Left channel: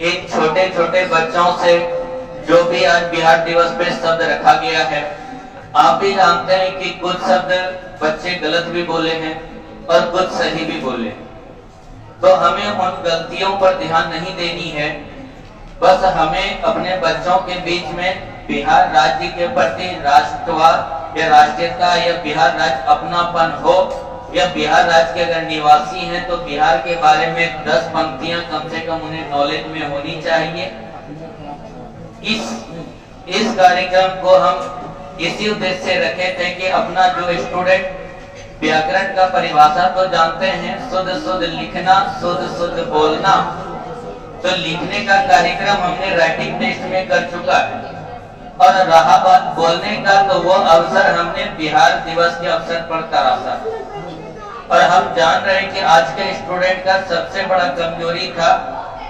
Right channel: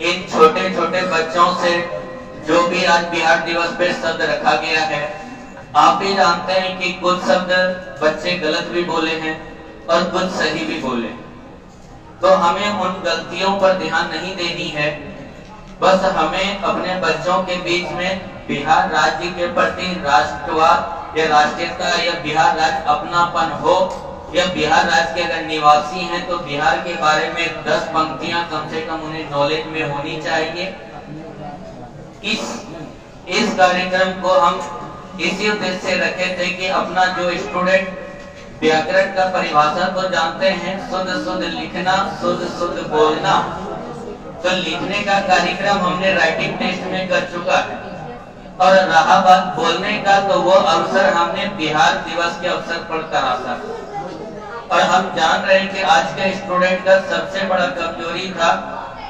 इन छोटे छोटे बच्चों से जो भी आज बिहार दिवस पे शब्द रखा गया है, आप भी जानते हैं कि कुछ शब्द बच्चे गलत भी बोले हैं और कुछ सही भी बोले। तो हमें उन गलतियों पर ध्यान नहीं देनी है, बस हमें अपने बच्चों के बीच में बिहार राज्य के प्रति राष्ट्रवाद या राष्ट्रीयता या बिहार राज्य अपनापन हो, या बिहार राज्य के अगर निवासी हैं तो बिहार के बारे में 10 पंक्तियां कम से कम उन्हें नॉलेज में होनी चाहिए। इस कार्यक्रम को हम इसी उद्देश्य से रखे थे कि अपना जो स्टूडेंट व्याकरण का परिभाषा तो जानते हैं, शुद्ध शुद्ध लिखना, शुद्ध शुद्ध बोलना, तो लिखने का कार्यक्रम हमने राइटिंग टेस्ट में कर चुका है। और रहा बात बोलने का, तो वो अवसर हमने बिहार दिवस के अवसर पर करा था। और हम जान रहे हैं कि आज के स्टूडेंट का सबसे बड़ा कमजोरी था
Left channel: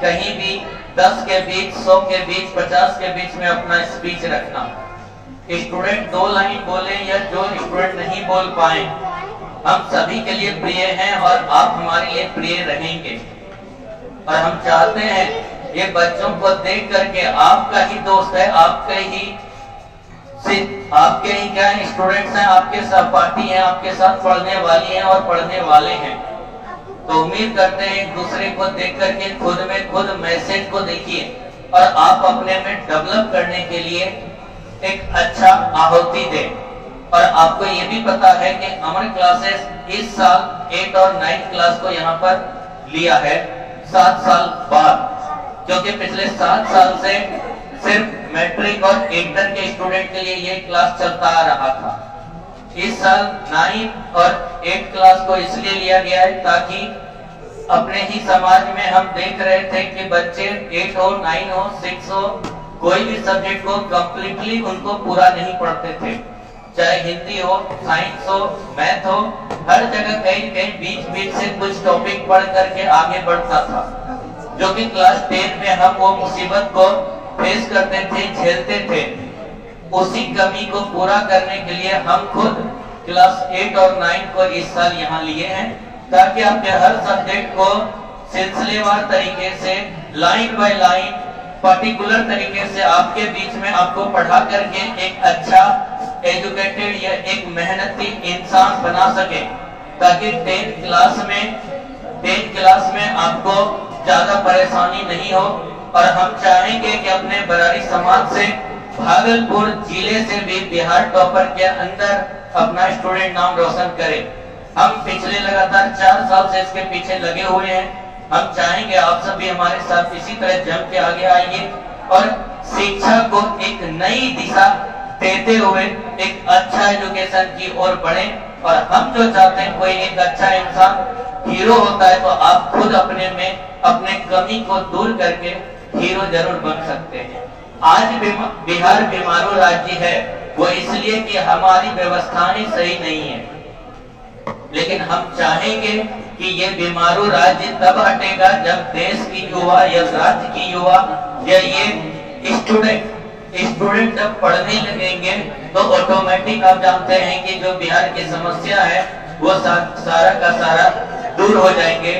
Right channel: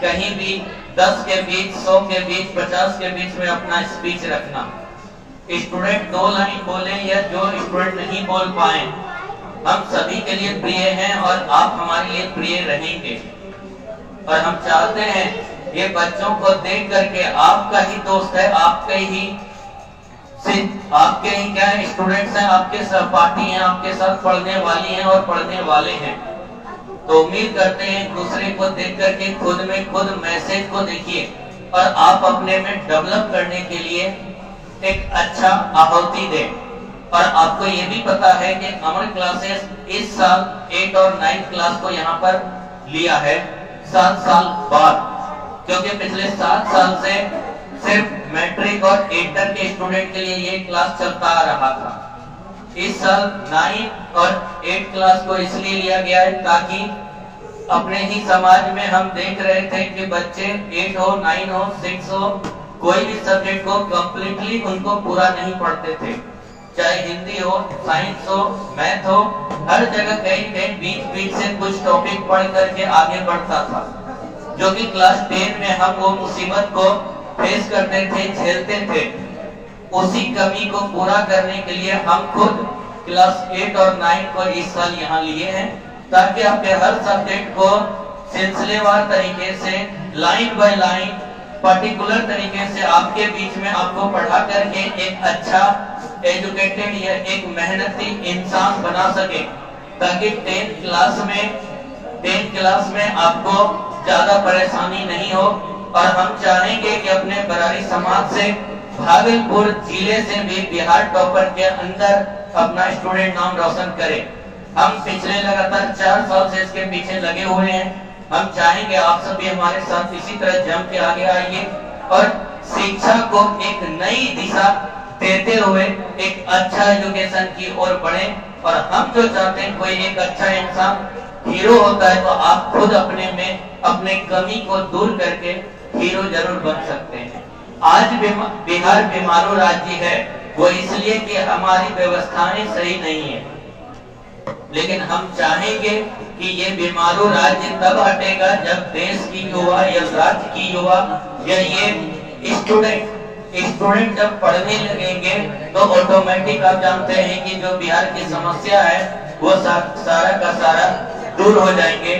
कहीं भी 10 के बीच, 100 के बीच, 50 के बीच में अपना स्पीच रखना। स्टूडेंट 2 लाइन बोले या जो स्टूडेंट नहीं बोल पाए, हम सभी के लिए प्रिय हैं और आप हमारे लिए प्रिय रहेंगे। और हम चाहते हैं ये बच्चों को देख करके आपका ही दोस्त है, आपके ही क्या स्टूडेंट्स हैं, आपके सहपाठी हैं, आपके साथ पढ़ने वाली हैं और पढ़ने वाले हैं। तो उम्मीद करते हैं एक दूसरे को देख करके खुद में खुद मैसेज को देखिए और आप अपने में डेवलप करने के लिए एक अच्छा आहुति दें। और आपको ये भी पता है कि अमर क्लासेस इस साल 8 और 9 क्लास को यहाँ पर लिया है 7 साल बाद, क्योंकि पिछले 7 साल से सिर्फ मैट्रिक और इंटर के स्टूडेंट के लिए ये क्लास चलता आ रहा था। इस साल 9 और 8 क्लास को इसलिए लिया गया है ताकि अपने ही समाज में हम देख रहे थे कि बच्चे 8 हो, 9 हो, 6 हो, कोई भी सब्जेक्ट को कंप्लीटली उनको पूरा नहीं पढ़ते थे, चाहे हिंदी हो, साइंस हो, मैथ हो, हर जगह कहीं कहीं बीच बीच से कुछ टॉपिक पढ़ करके आगे बढ़ता था, जो कि क्लास 10 में हम वो मुसीबत को फेस करते थे, झेलते थे। उसी कमी को पूरा करने के लिए हम खुद क्लास 8 और 9 को इस साल यहाँ लिए हैं, ताकि आपके हर सब्जेक्ट को सिलसिलेवार तरीके से, लाइन बाय लाइन, पर्टिकुलर तरीके से आपके बीच में आपको पढ़ा करके एक अच्छा एजुकेटेड या एक मेहनती इंसान बना सके, ताकि 10 क्लास में आपको ज्यादा परेशानी नहीं हो। और हम चाहेंगे कि अपने बरारी समाज से, भागलपुर जिले से भी बिहार टॉपर के अंदर अपना स्टूडेंट नाम रोशन करे। हम पिछले लगातार 4 साल से इसके पीछे लगे हुए हैं। हम चाहेंगे आप सभी हमारे साथ इसी तरह जम के आगे आइए और शिक्षा को एक नई दिशा देते हुए एक अच्छा एजुकेशन की ओर बढ़े। और हम जो चाहते हैं कोई एक अच्छा इंसान हीरो होता है, तो आप खुद अपने में अपने कमी को दूर करके हीरो जरूर बन सकते हैं। आज बिहार बीमारू राज्य है, वो इसलिए कि हमारी व्यवस्थाएं सही नहीं है, लेकिन हम चाहेंगे कि ये बीमारू राज्य तब हटेगा जब देश की युवा या राज्य की युवा या ये स्टूडेंट जब पढ़ने लगेंगे, तो ऑटोमेटिक आप जानते हैं कि जो बिहार की समस्या है वो सारा का सारा दूर हो जाएंगे।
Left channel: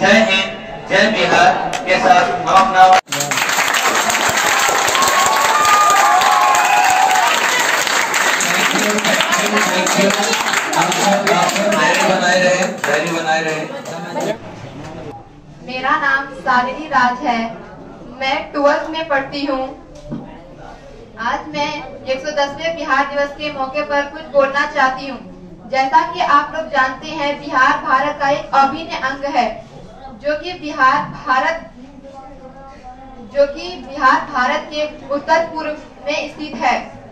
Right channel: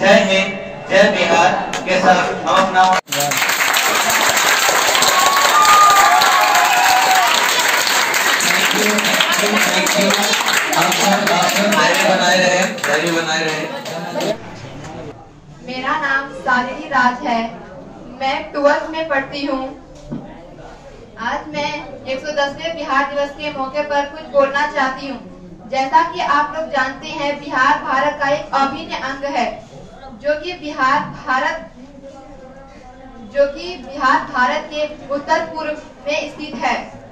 जय हिंद, जय बिहार के साथ हम अपना बनाए रहे। मेरा नाम सालिनी राज है, मैं 12th में पढ़ती हूँ। आज मैं 110वें बिहार दिवस के मौके पर कुछ बोलना चाहती हूँ। जैसा कि आप लोग जानते हैं, बिहार भारत का एक अभिन्न अंग है, जो कि बिहार भारत के उत्तर पूर्व में स्थित है।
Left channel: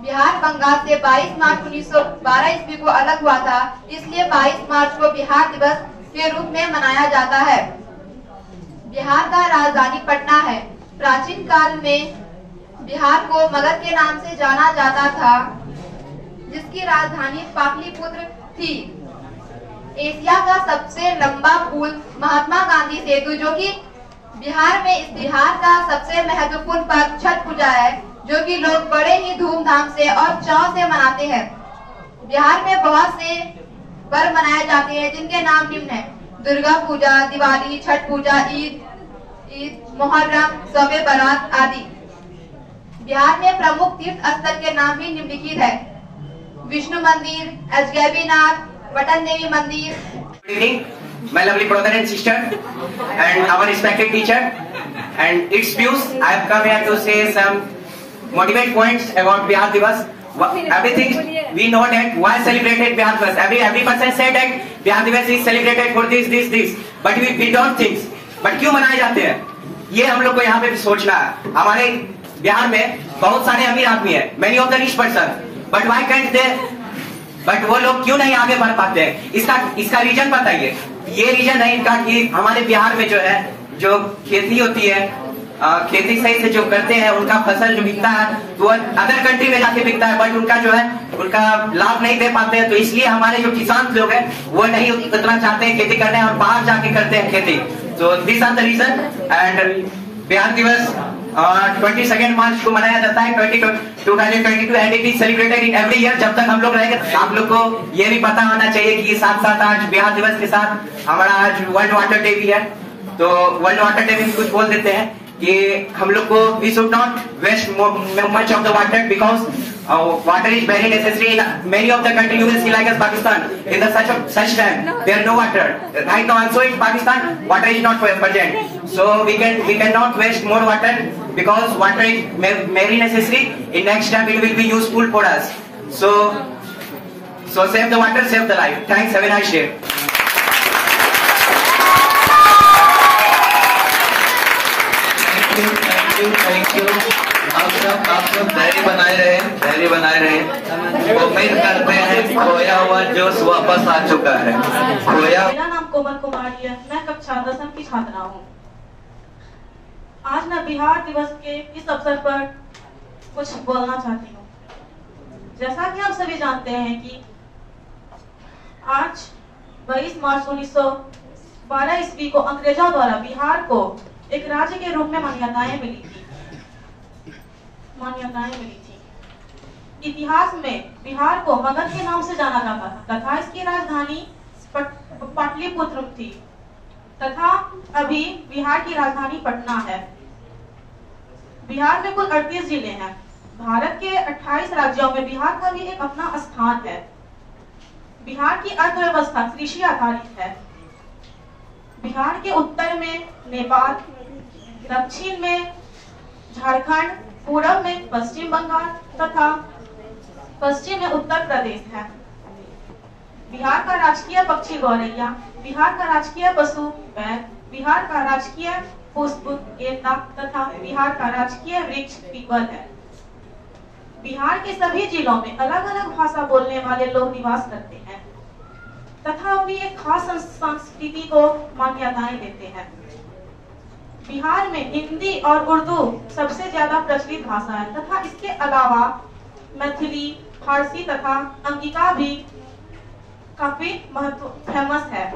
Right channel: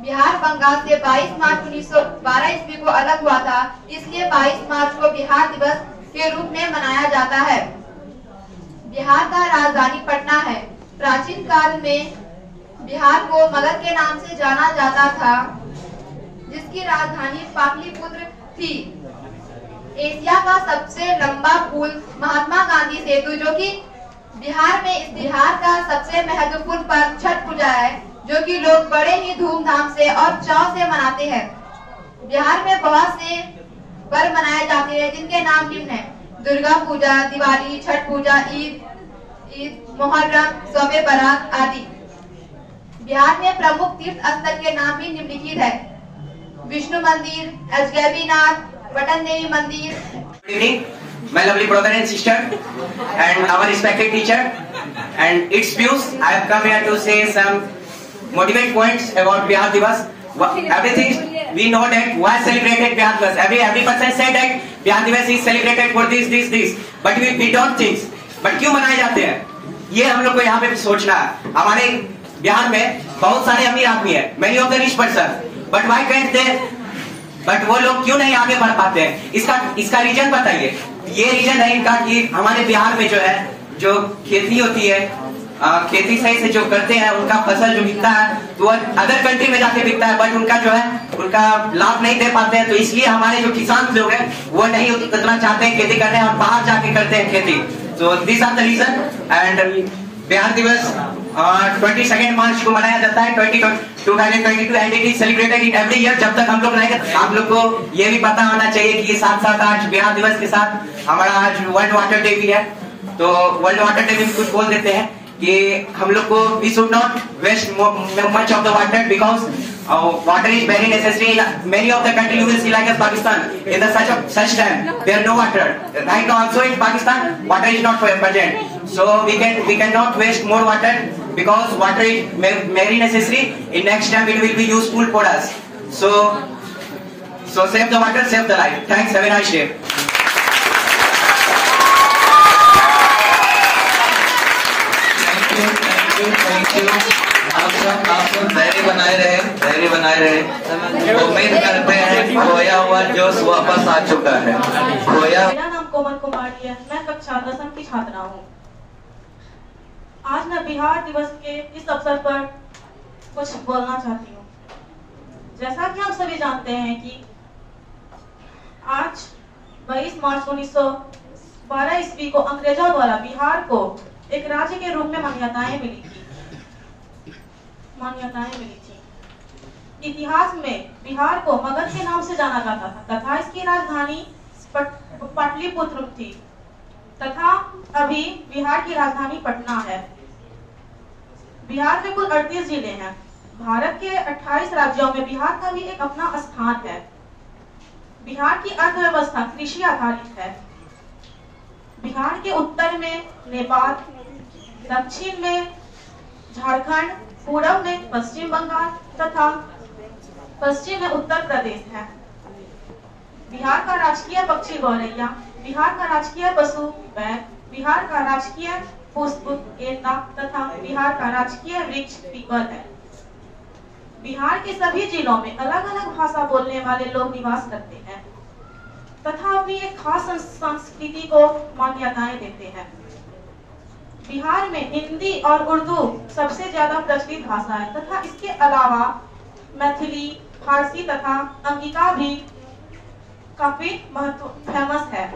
बिहार बंगाल से 22 मार्च 1912 ईस्वी को अलग हुआ था, इसलिए 22 मार्च को बिहार दिवस के रूप में मनाया जाता है। बिहार का राजधानी पटना है। प्राचीन काल में बिहार को मगध के नाम से जाना जाता था, जिसकी राजधानी पाटलिपुत्र थी। एशिया का सबसे लंबा पुल महात्मा गांधी सेतु, जो कि बिहार का सबसे महत्वपूर्ण पर्व छठ पूजा है, जो कि लोग बड़े ही धूमधाम से और चाव से मनाते हैं। बिहार में बहुत से पर्व मनाए जाते हैं, जिनके नाम निम्न है: दुर्गा पूजा, दिवाली, छठ पूजा, ईद, ईद, मुहर्रम, शब बारात आदि। बिहार में प्रमुख तीर्थ स्थल के नाम भी निम्नलिखित है: विष्णु मंदिर, अजगैबीनाथ, बटन देवी मंदिर। Good evening, my lovely brother and sister, and our respected teacher, and its views. I have come here to say some motivate points about Bihar Divas. Everything we know that why celebrated Bihar Divas. Every person said that Bihar Divas is celebrated for this, but we don't think. But क्यों मनाए जाते हैं? ये हम लोग को यहाँ पे सोचना है। हमारे बिहार में बहुत सारे अमीर आदमी हैं, many of the rich person, but why can't they? But वो लोग क्यों नहीं आगे बढ़ पाते हैं? इसका रीजन बताइए। ये रीजन है इनका कि हमारे बिहार में जो है, जो खेती होती है, खेती सही से जो करते हैं, उनका फसल जो बिकता है तो अदर कंट्री में जाके बिकता है, बट उनका जो है उनका लाभ नहीं दे पाते हैं। तो इसलिए हमारे जो किसान लोग हैं वो नहीं उतना चाहते हैं खेती करने, और बाहर जाके करते हैं खेती। तो this are the reason. And Bihar दिवस 22 मार्च को मनाया जाता है 2022 and it is celebrated in every year. जब तक हम लोग रहेंगे आप लोग को ये भी पता होना चाहिए कि साथ साथ आज बिहार दिवस के साथ हमारा आज वर्ल्ड वाटर डे भी है। तो वर्ल्ड वाटर डे में भी कुछ बोल देते हैं कि हम लोग को we should not waste much of the water, because water is very necessary in many of the country. You will see like as Pakistan, in the such time there are no water. Right now also in Pakistan water is not present, so we cannot waste more water, because water is very necessary. In next time it will be useful for us. So save the water, save the life. Thanks, have a nice day. Thank you. आप सब धैर्य बनाए रहे। उम्मीद करते हैं खोया हुआ जोश वापस आ चुका है। मेरा नाम कोमल कुमारी है, मैं कक्षा 10 की छात्रा हूँ। आज मैं बिहार दिवस के इस अवसर पर कुछ बोलना चाहती हूँ। जैसा कि हम सभी जानते हैं कि आज 22 मार्च 1912 ईस्वी को अंग्रेजों द्वारा बिहार को एक राज्य के रूप में मान्यताएं मिली थी। इतिहास में बिहार को मगध के नाम से जाना जाता था तथा इसकी राजधानी पाटलिपुत्र थी, तथा अभी बिहार की राजधानी पटना है। बिहार में कुल 38 जिले हैं। भारत के 28 राज्यों में बिहार का भी एक अपना स्थान है। बिहार की अर्थव्यवस्था कृषि आधारित है। बिहार के उत्तर में नेपाल, दक्षिण में झारखंड, पूर्व में पश्चिम बंगाल तथा पश्चिम में उत्तर प्रदेश है। बिहार का राजकीय पक्षी गौरैया, बिहार का राजकीय पशु बैल, बिहार का राजकीय पुष्प गेंदा तथा बिहार का राजकीय वृक्ष पीपल है। बिहार के सभी जिलों में अलग अलग भाषा बोलने वाले लोग निवास करते हैं तथा अपनी एक खास संस्कृति को मान्यताएं देते हैं। बिहार में हिंदी और उर्दू सबसे ज्यादा प्रचलित भाषा है तथा इसके अलावा मैथिली, फारसी तथा अंगिका भी काफी फेमस है।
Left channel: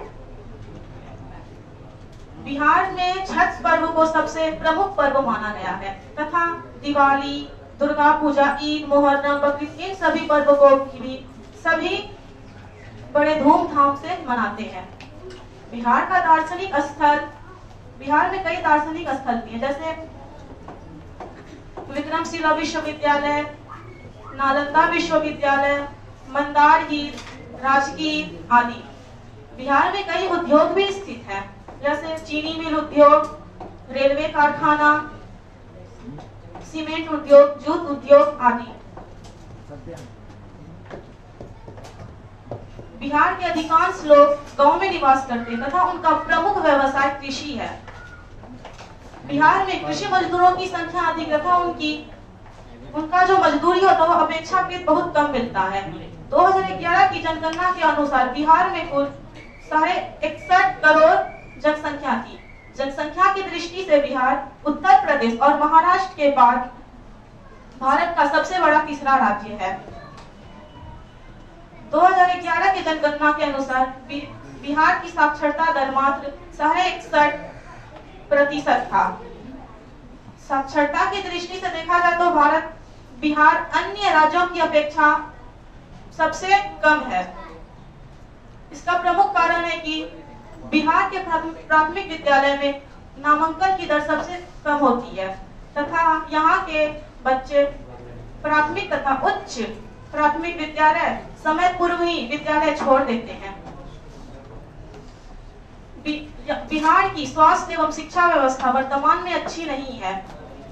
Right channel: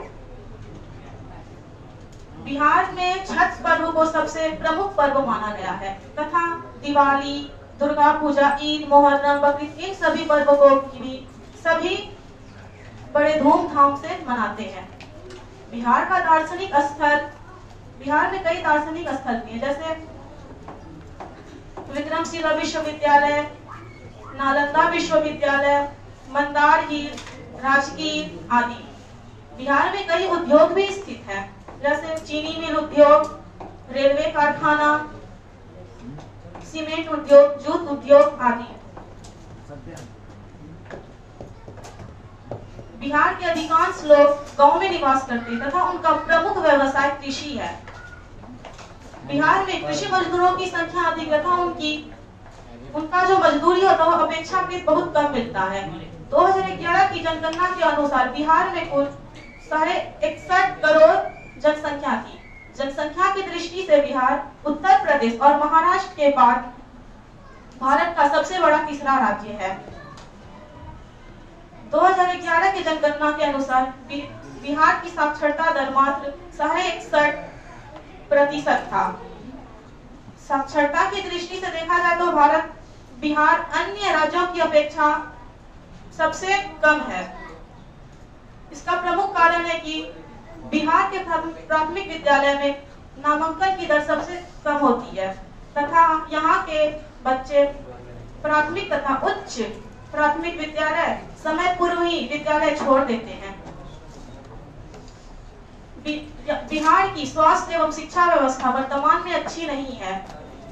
बिहार में छठ पर्व को सबसे प्रमुख पर्व माना गया है तथा दिवाली, दुर्गा पूजा, ईद, मुहर्रम, बकरीद इन सभी पर्व को भी सभी बड़े धूमधाम से मनाते हैं। बिहार का दार्शनिक स्थल, बिहार में कई दार्शनिक स्थल भी हैं, जैसे विक्रमशिला विश्वविद्यालय, नालंदा विश्वविद्यालय, मंदारगीर, राजगीर आदि। बिहार में कई उद्योग भी स्थित हैं, जैसे चीनी मिल उद्योग, रेलवे कारखाना, सीमेंट उद्योग, जूट उद्योग आदि। बिहार के अधिकांश लोग गांव में निवास करते हैं तथा उनका प्रमुख व्यवसाय कृषि है। बिहार में कृषि मजदूरों की संख्या अधिक तथा उनका जो मजदूरी होता है वो अपेक्षाकृत बहुत कम मिलता है। 2011 की जनगणना के अनुसार बिहार में कुल 61 करोड़ जनसंख्या थी। जनसंख्या की दृष्टि से बिहार उत्तर प्रदेश और महाराष्ट्र के बाद भारत का सबसे बड़ा तीसरा राज्य है। 2011 की जनगणना के अनुसार बिहार की साक्षरता दर मात्र 61% था। साक्षरता की दृष्टि से देखा जाए तो बिहार अन्य राज्यों की अपेक्षा सबसे कम है। इसका प्रमुख कारण है कि बिहार के प्राथमिक विद्यालय में नामांकन की दर सबसे कम होती है तथा यहाँ के बच्चे प्राथमिक तथा उच्च प्राथमिक विद्यालय समय पूर्व ही विद्यालय छोड़ देते हैं। बिहार की स्वास्थ्य एवं शिक्षा व्यवस्था वर्तमान में अच्छी नहीं है।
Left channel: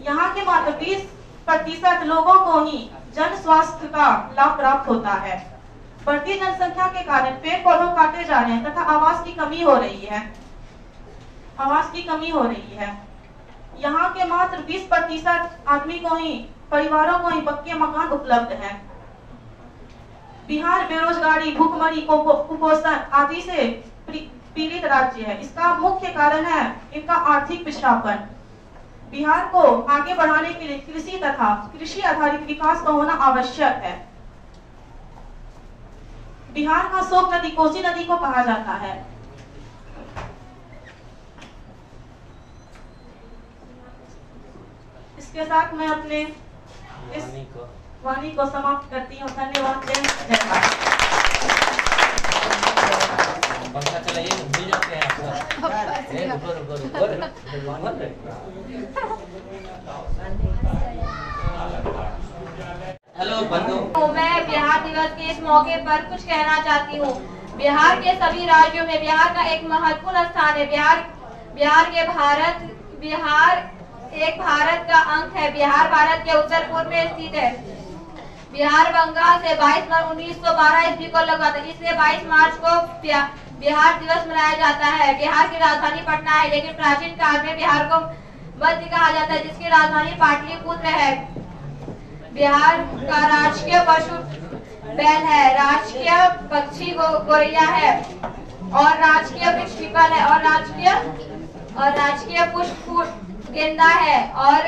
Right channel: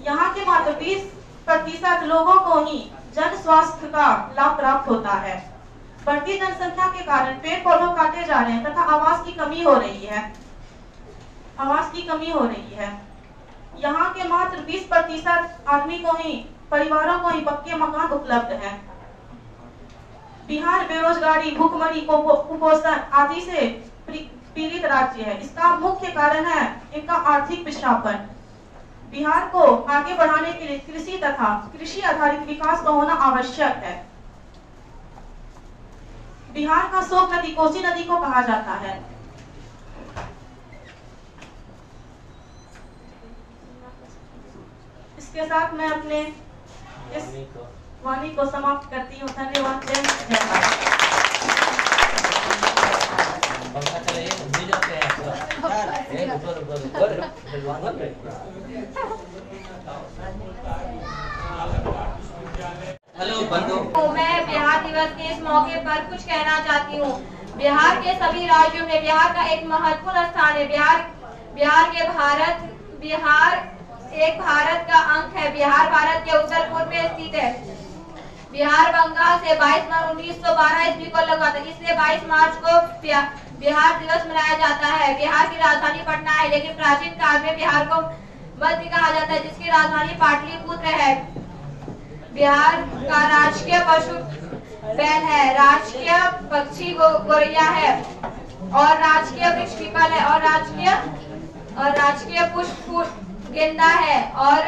यहाँ के मात्र 20% लोगों को ही जन स्वास्थ्य का लाभ प्राप्त होता है। बढ़ती जनसंख्या के कारण पेड़ पौधों काटे जा रहे हैं तथा आवास की कमी हो रही है। यहाँ के मात्र 20% आदमी को ही परिवारों को ही पक्के मकान उपलब्ध है। बिहार बेरोजगारी, भूखमरी, कुपोषण आदि से पीड़ित राज्य है। इसका मुख्य कारण है इनका आर्थिक पिछड़ापन। बिहार को आगे बढ़ाने के लिए कृषि तथा कृषि आधारित विकास का होना आवश्यक है। बिहार का शोक नदी कोसी नदी को कहा जाता है। इसके साथ मैं अपने इस वाणी को समाप्त करती हूँ। धन्यवाद। जय भारत। हेलो बंधु, मैं बिहार दिवस के इस मौके पर कुछ कहना चाहती हूँ। बिहार के सभी राज्यों में बिहार का एक महत्वपूर्ण स्थान है। बिहार एक भारत का अंग है। बिहार भारत के उत्तर पूर्व में स्थित है। बिहार बंगाल से 22 मार्च 1912 ईस्वी को लगा था। इसलिए 22 मार्च को बिहार दिवस मनाया जाता है। बिहार की राजधानी पटना है, लेकिन प्राचीन काल में बिहार को मध्य कहा जाता है, जिसकी राजधानी पाटलिपुत्र है। बिहार का राजकीय पशु बैल है, राजकीय पक्षी गोरैया है और राजकीय वृक्ष पीपल है और राजकीय पुष्प गेंदा है। और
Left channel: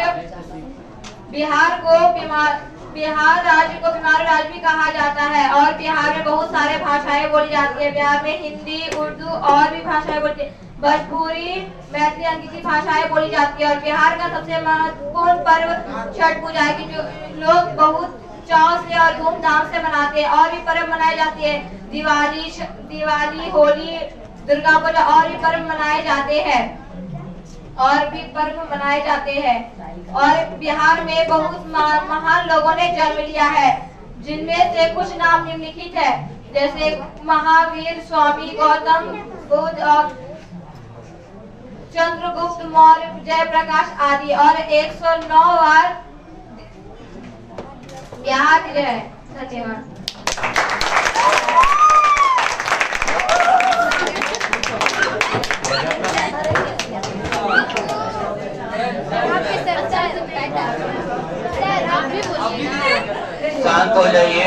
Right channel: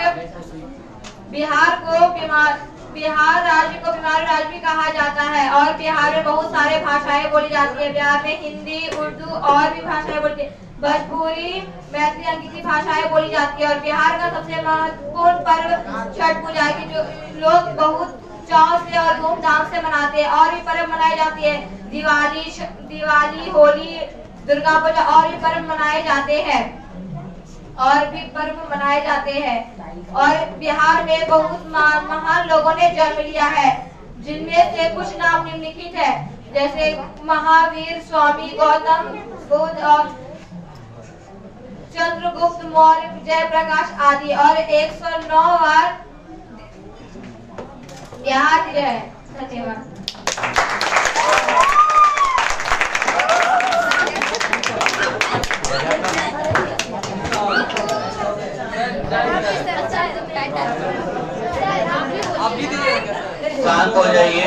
बिहार राज्य को बीमारू राज्य भी कहा जाता है। और बिहार में बहुत सारे भाषाएं बोली जाती है। बिहार में हिंदी, उर्दू और भी भाषाएं बोलती है। भोजपुरी, मैथिली, अंग्रेजी भाषाएं बोली जाती है। और बिहार का सबसे महत्वपूर्ण पर्व छठ पूजा है, जो लोग बहुत चाव से और धूमधाम से मनाते हैं। और भी पर्व मनाए जाते हैं, दिवाली, होली, दुर्गा पूजा और भी पर्व मनाए जाते हैं। और बिहार में बहुत महान लोगों ने जन्म लिया है, जिनमें से कुछ नाम निम्नलिखित है, जैसे महावीर, स्वामी गौतम बुद्ध और चंद्रगुप्त मौर्य, जयप्रकाश आदि। और 109 बार बिहार है। धन्यवाद। शांत हो जाइए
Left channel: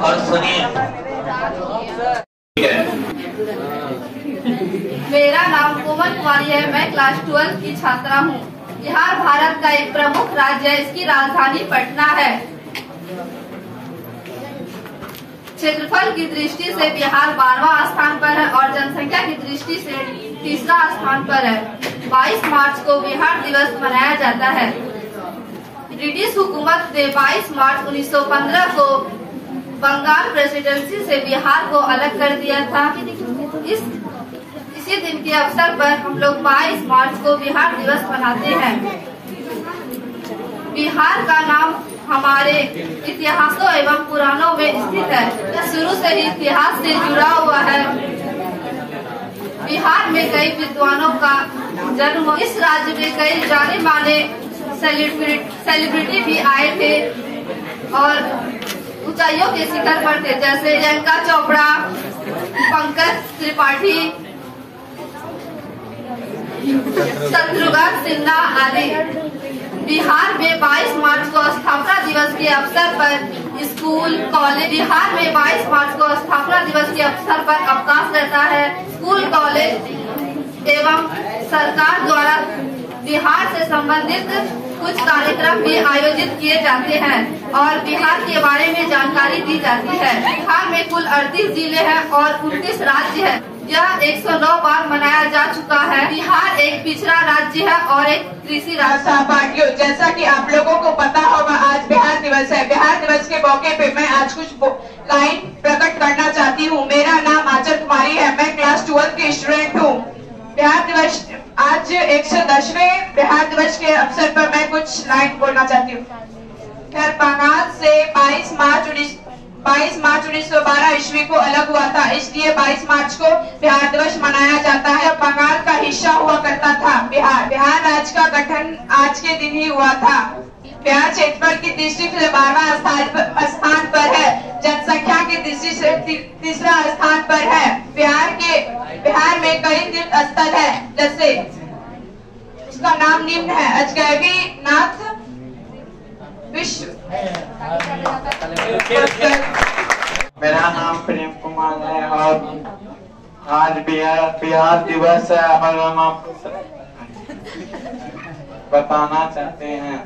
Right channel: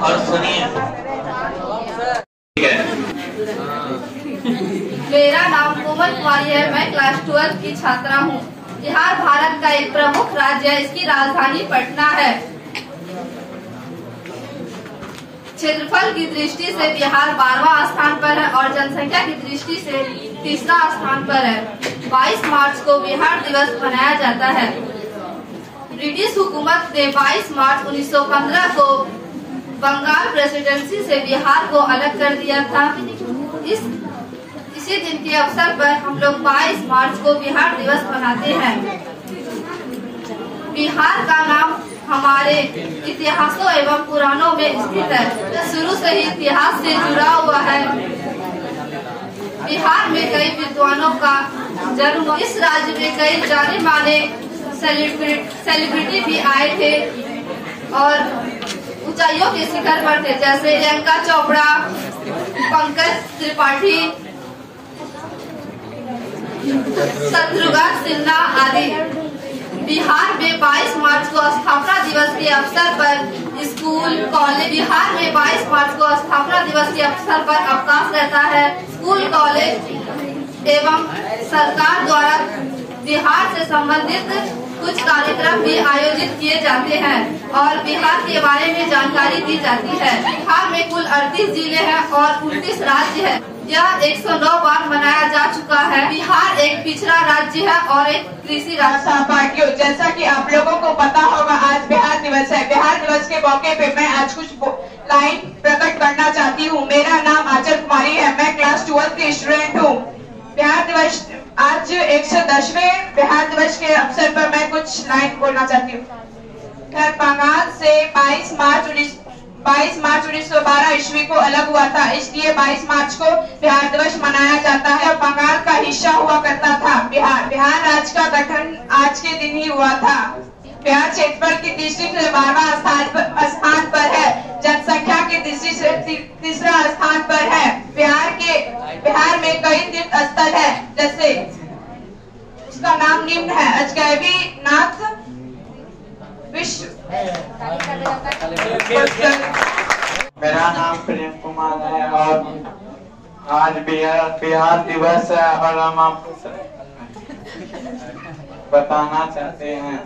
और सुनिए। मेरा नाम कोमल कुमारी है। मैं क्लास 12 की छात्रा हूँ। बिहार भारत का एक प्रमुख राज्य है। इसकी राजधानी पटना है। क्षेत्रफल की दृष्टि से बिहार 12वां स्थान पर है और जनसंख्या की दृष्टि से तीसरा स्थान पर है। 22 मार्च को बिहार दिवस मनाया जाता है। ब्रिटिश हुकूमत ने 22 मार्च 1915 को बंगाल प्रेसिडेंसी से बिहार को अलग कर दिया था। इसी दिन के अवसर पर हम लोग 22 मार्च को बिहार दिवस मनाते हैं। बिहार का नाम हमारे इतिहासों एवं पुराणों में स्थित है। शुरू से ही इतिहास से जुड़ा हुआ है। बिहार में कई विद्वानों का जन्म हुआ। इस राज्य में कई जाने माने सेलिब्रिटी भी आए थे और ऊंचाइयों के शिखर पर थे, जैसे प्रियंका चोपड़ा, पंकज त्रिपाठी, शत्रुघ्न सिन्हा आदि। बिहार में 22 मार्च को स्थापना दिवस के अवसर पर स्कूल, कॉलेज। बिहार में 22 मार्च को स्थापना दिवस के अवसर पर अवकाश रहता है। स्कूल, कॉलेज एवं सरकार द्वारा बिहार से संबंधित कुछ कार्यक्रम भी आयोजित किए जाते हैं और बिहार के बारे में जानकारी दी जाती है। बिहार में कुल 38 जिले हैं और 29 राज्य है। यह 109 बार मनाया जा चुका है। बिहार एक पिछड़ा राज्य है और एक कृषि राज्य। सहपाठियों, जैसा कि आप लोगों को पता होगा, आज बिहार दिवस है। बिहार दिवस के मौके पे मैं आज कुछ लाइन प्रकट करना चाहती हूँ। मेरा नाम आंचल कुमारी है। मैं क्लास 12 की स्टूडेंट हूँ। बिहार दिवस आज 110वें बिहार दिवस के अवसर पर मैं कुछ लाइन बोलना चाहती हूँ। खैर, बंगाल से 22 मार्च 1912 ईस्वी को अलग हुआ था, इसलिए 22 मार्च को बिहार दिवस मनाया जाता है। बंगाल का हिस्सा हुआ करता था बिहार राज्य का गठन आज के दिन ही हुआ था। बिहार क्षेत्रफल की दृष्टि से 12वां स्थान पर है, जनसंख्या की दृष्टि से तीसरा स्थान पर है। बिहार में कई तीर्थ स्थल है, जैसे उसका नाम निम्न है: अजगैबी नाथ विश्व। मेरा नाम प्रेम कुमार है और आज बिहार दिवस है और हम आपको बताना चाहते हैं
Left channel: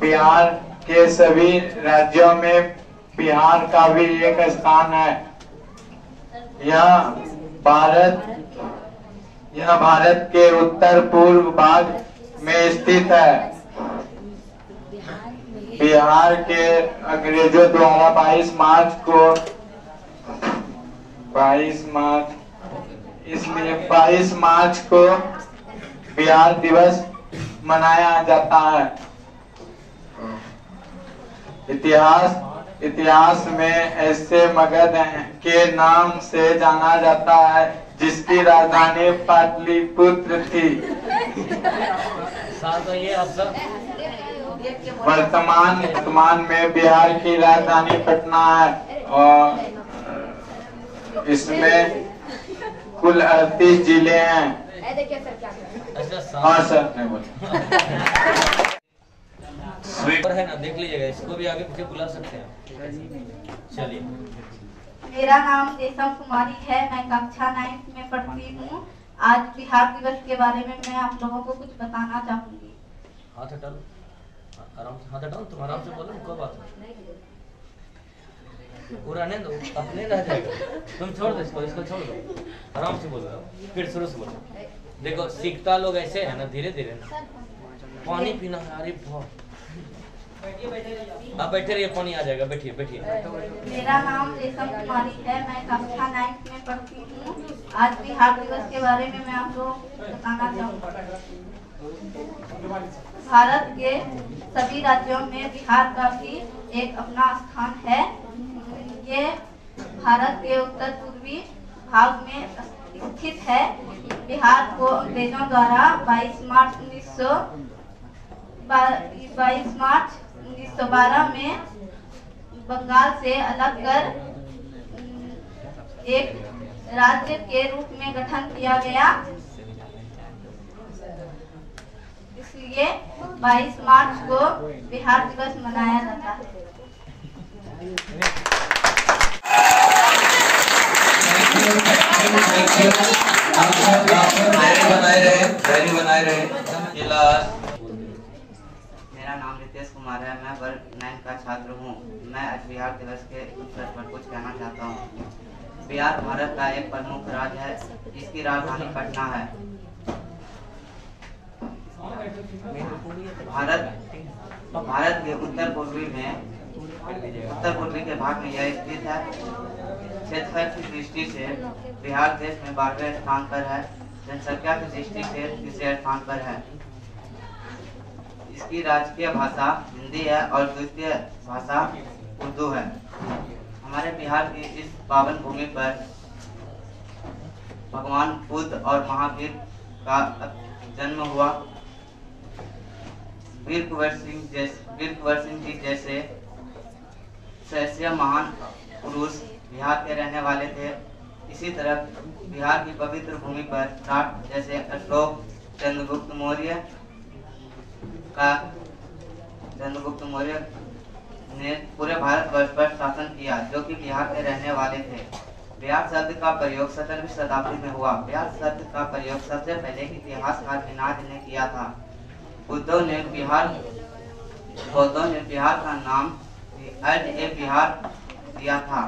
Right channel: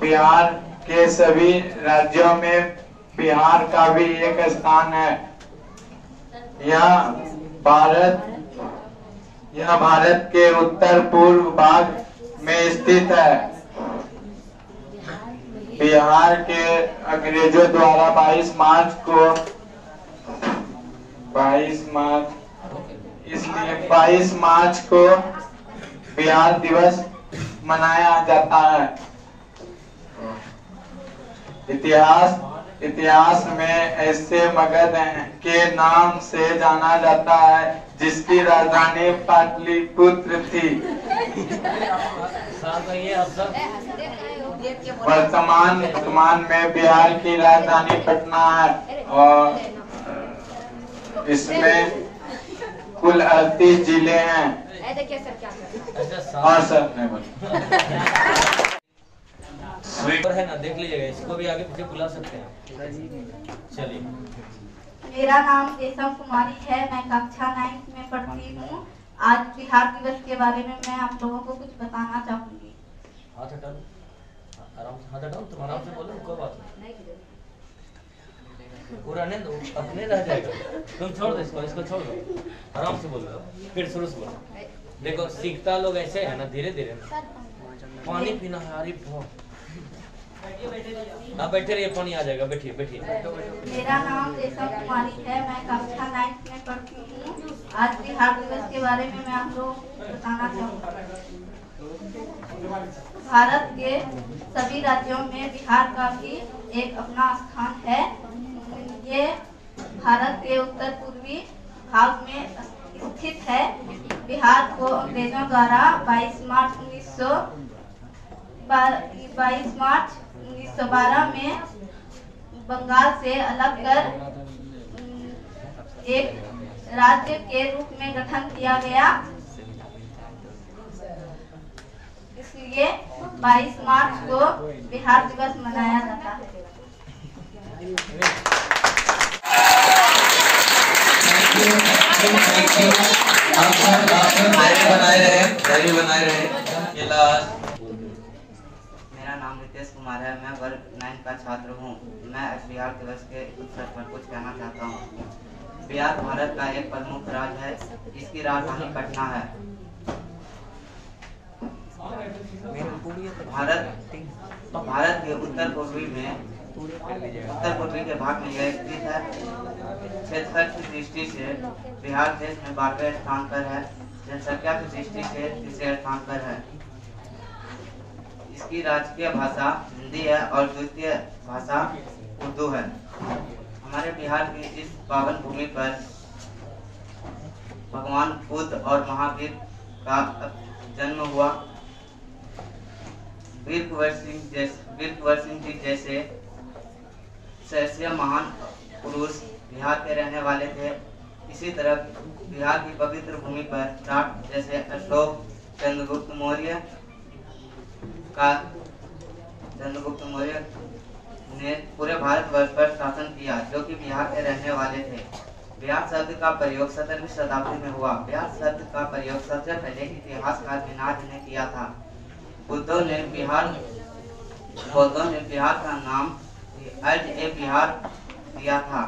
बिहार के सभी राज्यों में बिहार का भी एक स्थान है। यह भारत के उत्तर पूर्व भाग में स्थित है। बिहार के अंग्रेजों द्वारा 22 मार्च को बिहार दिवस मनाया जाता है। इतिहास में ऐसे मगध के नाम से जाना जाता है जिसकी राजधानी पाटलिपुत्र थी। वर्तमान में बिहार की राजधानी पटना है और इसमें कुल 38 जिले हैं। हाँ सर, नहीं बोल स्वीपर है ना, देख लीजिएगा, इसको भी आगे पीछे बुला सकते हैं। चलिए। मेरा नाम रेशम कुमारी है, मैं कक्षा 9 में पढ़ती हूँ। आज बिहार दिवस के बारे में मैं आप लोगों को कुछ बताना चाहूंगी। हाथ हटा लो, आराम से हाथ हटाओ, तुम आराम से बोलो, कोई बात नहीं। पूरा नहीं दो, अपने रह जाएगा। तुम छोड़ दो इसको छोड़ दो, आराम से बोलो, फिर शुरू से बोलो। देखो, सीखता लोग ऐसे है ना, धीरे धीरे ना। पानी पीना है, अरे आप बैठे रहिए, पानी आ जाएगा, बैठिए। मेरा नाम रेशम कुमारी है, मैं कक्षा 9 में पढ़ती हूँ। आज बिहार दिवस के बारे में मैं आप लोग बताना चाहूँगी। भारत के सभी राज्यों में बिहार का भी एक अपना स्थान है। ये भारत के उत्तर पूर्वी भाग में स्थित है। बिहार को अंग्रेजों द्वारा 22 मार्च 1912 में बंगाल से अलग कर एक राज्य के रूप में गठन किया गया। इसलिए 22 मार्च को बिहार दिवस मनाया जाता है। बनाए रहे। मेरा नाम रितेश कुमार है, मैं वर्ग 9 का छात्र हूँ। मैं आज बिहार दिवस के अवसर पर कुछ कहना चाहता हूँ। बिहार भारत का एक प्रमुख राज्य है, जिसकी राजधानी पटना है। भारत के उत्तर पूर्वी के भाग में यह स्थित है। क्षेत्रफल की दृष्टि से बिहार देश में 12वें स्थान पर है। जनसंख्या की दृष्टि से तीसरे स्थान पर है। इसकी राजकीय भाषा हिंदी है और द्वितीय भाषा उर्दू है। हमारे बिहार की इस पावन भूमि पर भगवान बुद्ध और महावीर का जन्म हुआ। वीर कुंवर सिंह जी जैसे सहस्य महान पुरुष बिहार के रहने वाले थे। इसी तरह बिहार की पवित्र भूमि पर जाट जैसे अशोक चंद्रगुप्त मौर्य ने पूरे भारतवर्ष पर शासन किया, जो कि बिहार के रहने वाले थे। बिहार शब्द का प्रयोग 17वीं शताब्दी में हुआ। बिहार शब्द का प्रयोग सबसे पहले इतिहासकार मिनाज ने किया था। बुद्धों ने बिहार का नाम बिहार दिया था।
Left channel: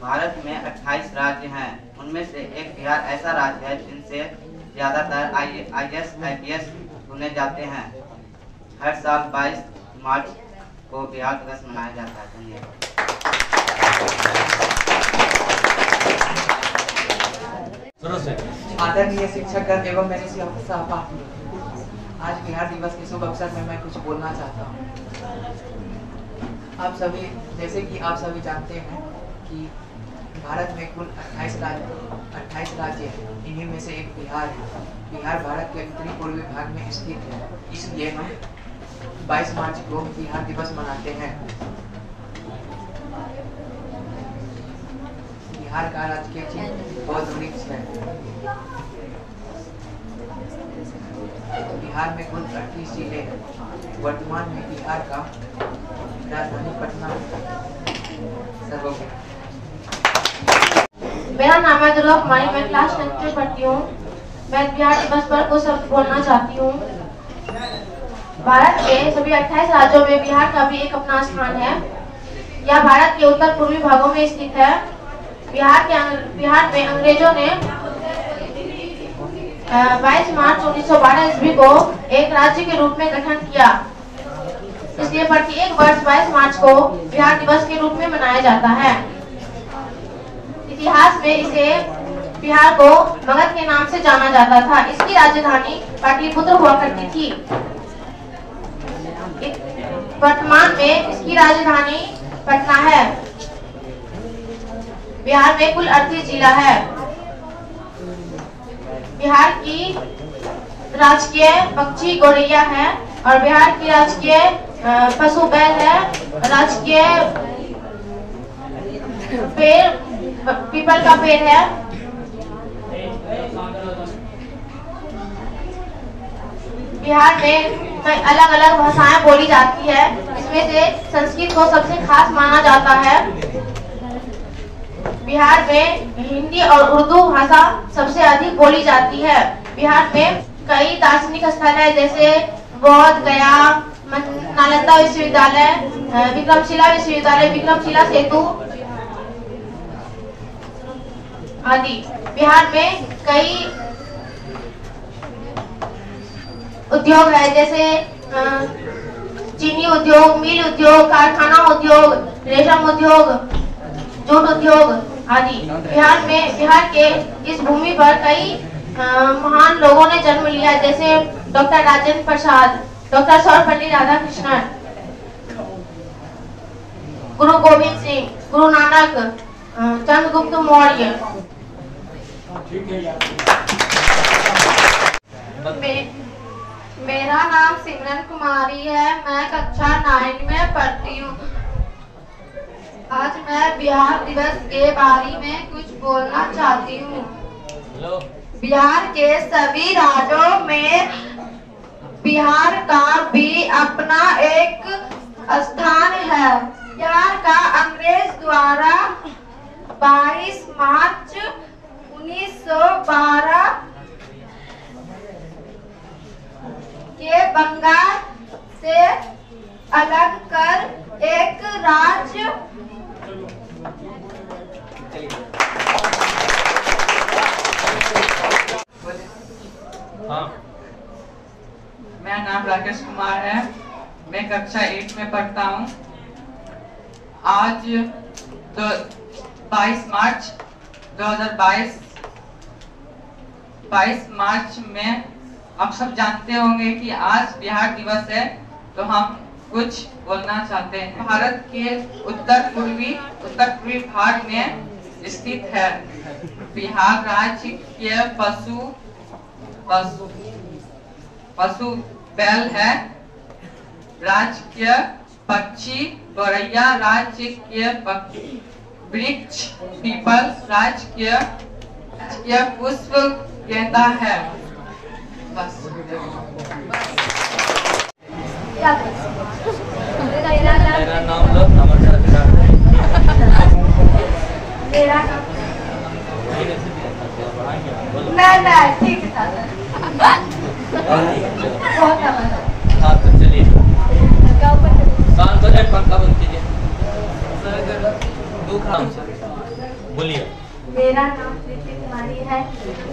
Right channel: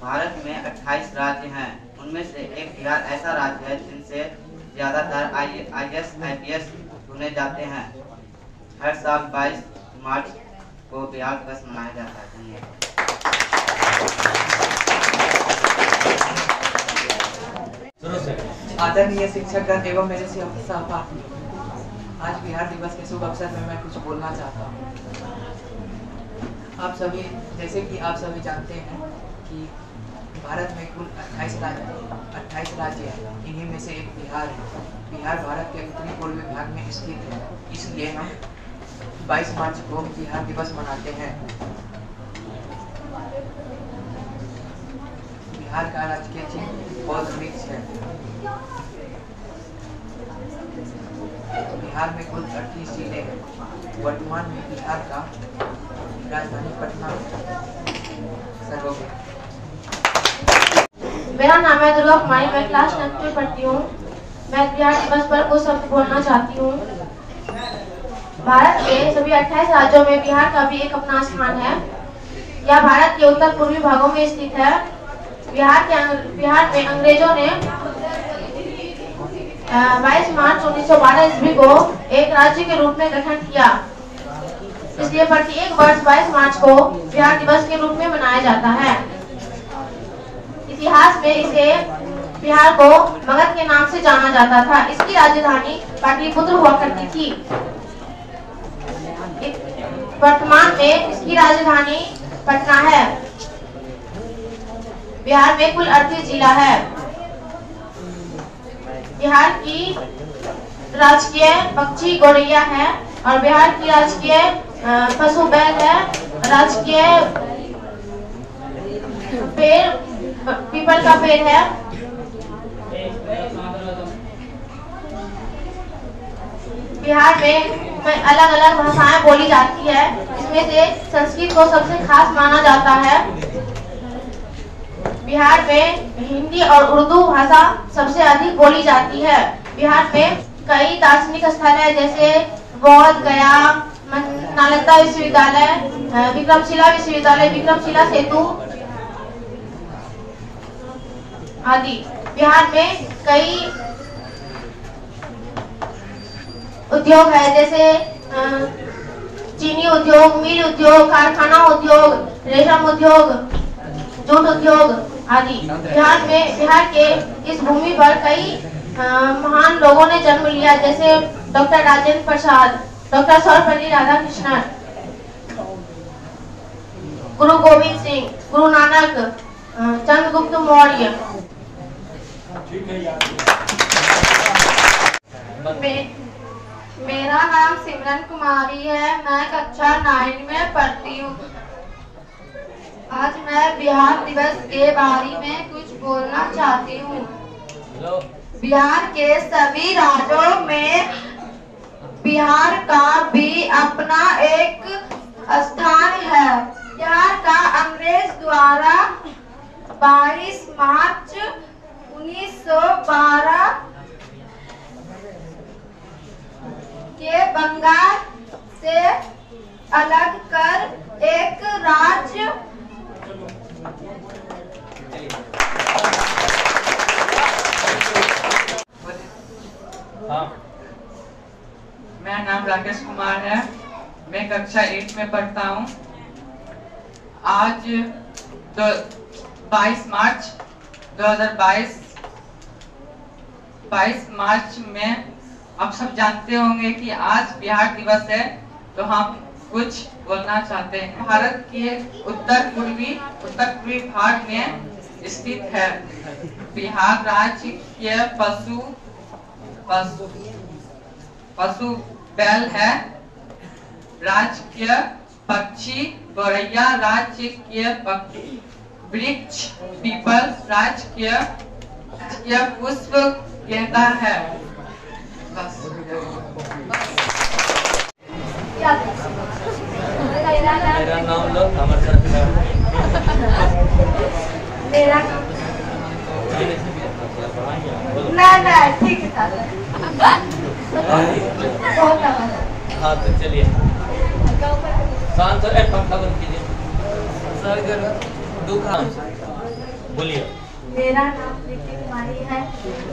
भारत में 28 राज्य हैं। उनमें से एक बिहार ऐसा राज्य है जिनसे ज्यादातर IAS IPS चुने जाते हैं। हर साल 22 मार्च को बिहार दिवस मनाया जाता है। धन्यवाद। आदरणीय शिक्षकगण एवं मेरे सहपाठी, आज बिहार दिवस के शुभ अवसर में मैं कुछ बोलना चाहता हूँ। आप सभी, जैसे कि आप सभी जानते हैं कि भारत में कुल 28 राज्य हैं। इन्हीं में से एक बिहार है। बिहार भारत के उत्तरी पूर्वी भाग में स्थित है, इसलिए हम 22 मार्च को बिहार दिवस मनाते हैं। बिहार का राजकीय चिन्ह बौद्ध वृक्ष है। बिहार में कुल 38 जिले हैं। वर्तमान में बिहार का राजधानी पटना सर्वोपरि। मेरा नाम है दुर्गा कुमारी, मैं क्लास 10th में पढ़ती हूँ। मैं बिहार दिवस पर कुछ शब्द बोलना चाहती हूँ। भारत के सभी 28 राज्यों में बिहार का भी एक अपना स्थान है। यह भारत के उत्तर पूर्वी भागों में स्थित है। बिहार में अंग्रेजों ने 22 मार्च 1912 ईस्वी को एक राज्य के रूप में गठन किया। इसलिए प्रत्येक वर्ष 22 मार्च को बिहार दिवस के रूप में मनाया जाता है। इतिहास में इसे बिहार को मगध के नाम से जाना जाता था। इसकी राजधानी पाटलिपुत्र हुआ करती थी। वर्तमान में इसकी राजधानी पटना है। बिहार में कुल 38 जिला है। बिहार की राजकीय पक्षी गौरैया है और बिहार की राजकीय पशु बैल है। राजकीय पेड़ पीपल का पेड़ है। बिहार में अलग अलग भाषाएं बोली जाती है। इसमें से संस्कृत को सबसे खास माना जाता है। बिहार में हिंदी और उर्दू भाषा सबसे अधिक बोली जाती है। बिहार में कई दार्शनिक स्थल है, जैसे बौद्ध गया, नालंदा विश्वविद्यालय, विक्रमशिला विश्वविद्यालय, विक्रमशिला सेतु आदि। बिहार में कई उद्योग है, जैसे चीनी उद्योग, मिल उद्योग, कारखाना उद्योग, रेशम उद्योग, जूट उद्योग आदि। बिहार के इस भूमि पर कई महान लोगों ने जन्म लिया, जैसे डॉक्टर राजेंद्र प्रसाद, डॉक्टर सर्वपल्ली राधाकृष्णन, गुरु गोविंद सिंह, गुरु नानक, चंद्रगुप्त मौर्य। मेरा नाम सिमरन कुमारी है। मैं कक्षा 9 में पढ़ती हूँ। आज मैं बिहार दिवस के बारे में कुछ बोलना चाहती हूँ। बिहार के सभी राज्यों में बिहार का भी अपना एक स्थान है। बिहार का अंग्रेज द्वारा 22 मार्च 1912 के बंगाल से अलग कर एक राज्य मेरा नाम राकेश कुमार है। मैं कक्षा 8 में पढ़ता हूँ। आज 22 मार्च 2022 22 मार्च में आप सब जानते होंगे कि आज बिहार दिवस है, तो हम कुछ बोलना चाहते हैं। भारत के उत्तर पूर्वी भाग में स्थित है। बिहार राज्य के पशु बैल है। राज्य के पक्षी गौरैया, राज्य के वृक्ष पीपल, राज्य के पुष्प गेंदा है। बस। मेरा नाम लो, हमारे साथ मेरा ना ठीक था बहुत हाँ, तो चलिए शांत हो, पंखा बंद कीजिए। बोलिए। मेरा नाम प्रीति कुमारी है।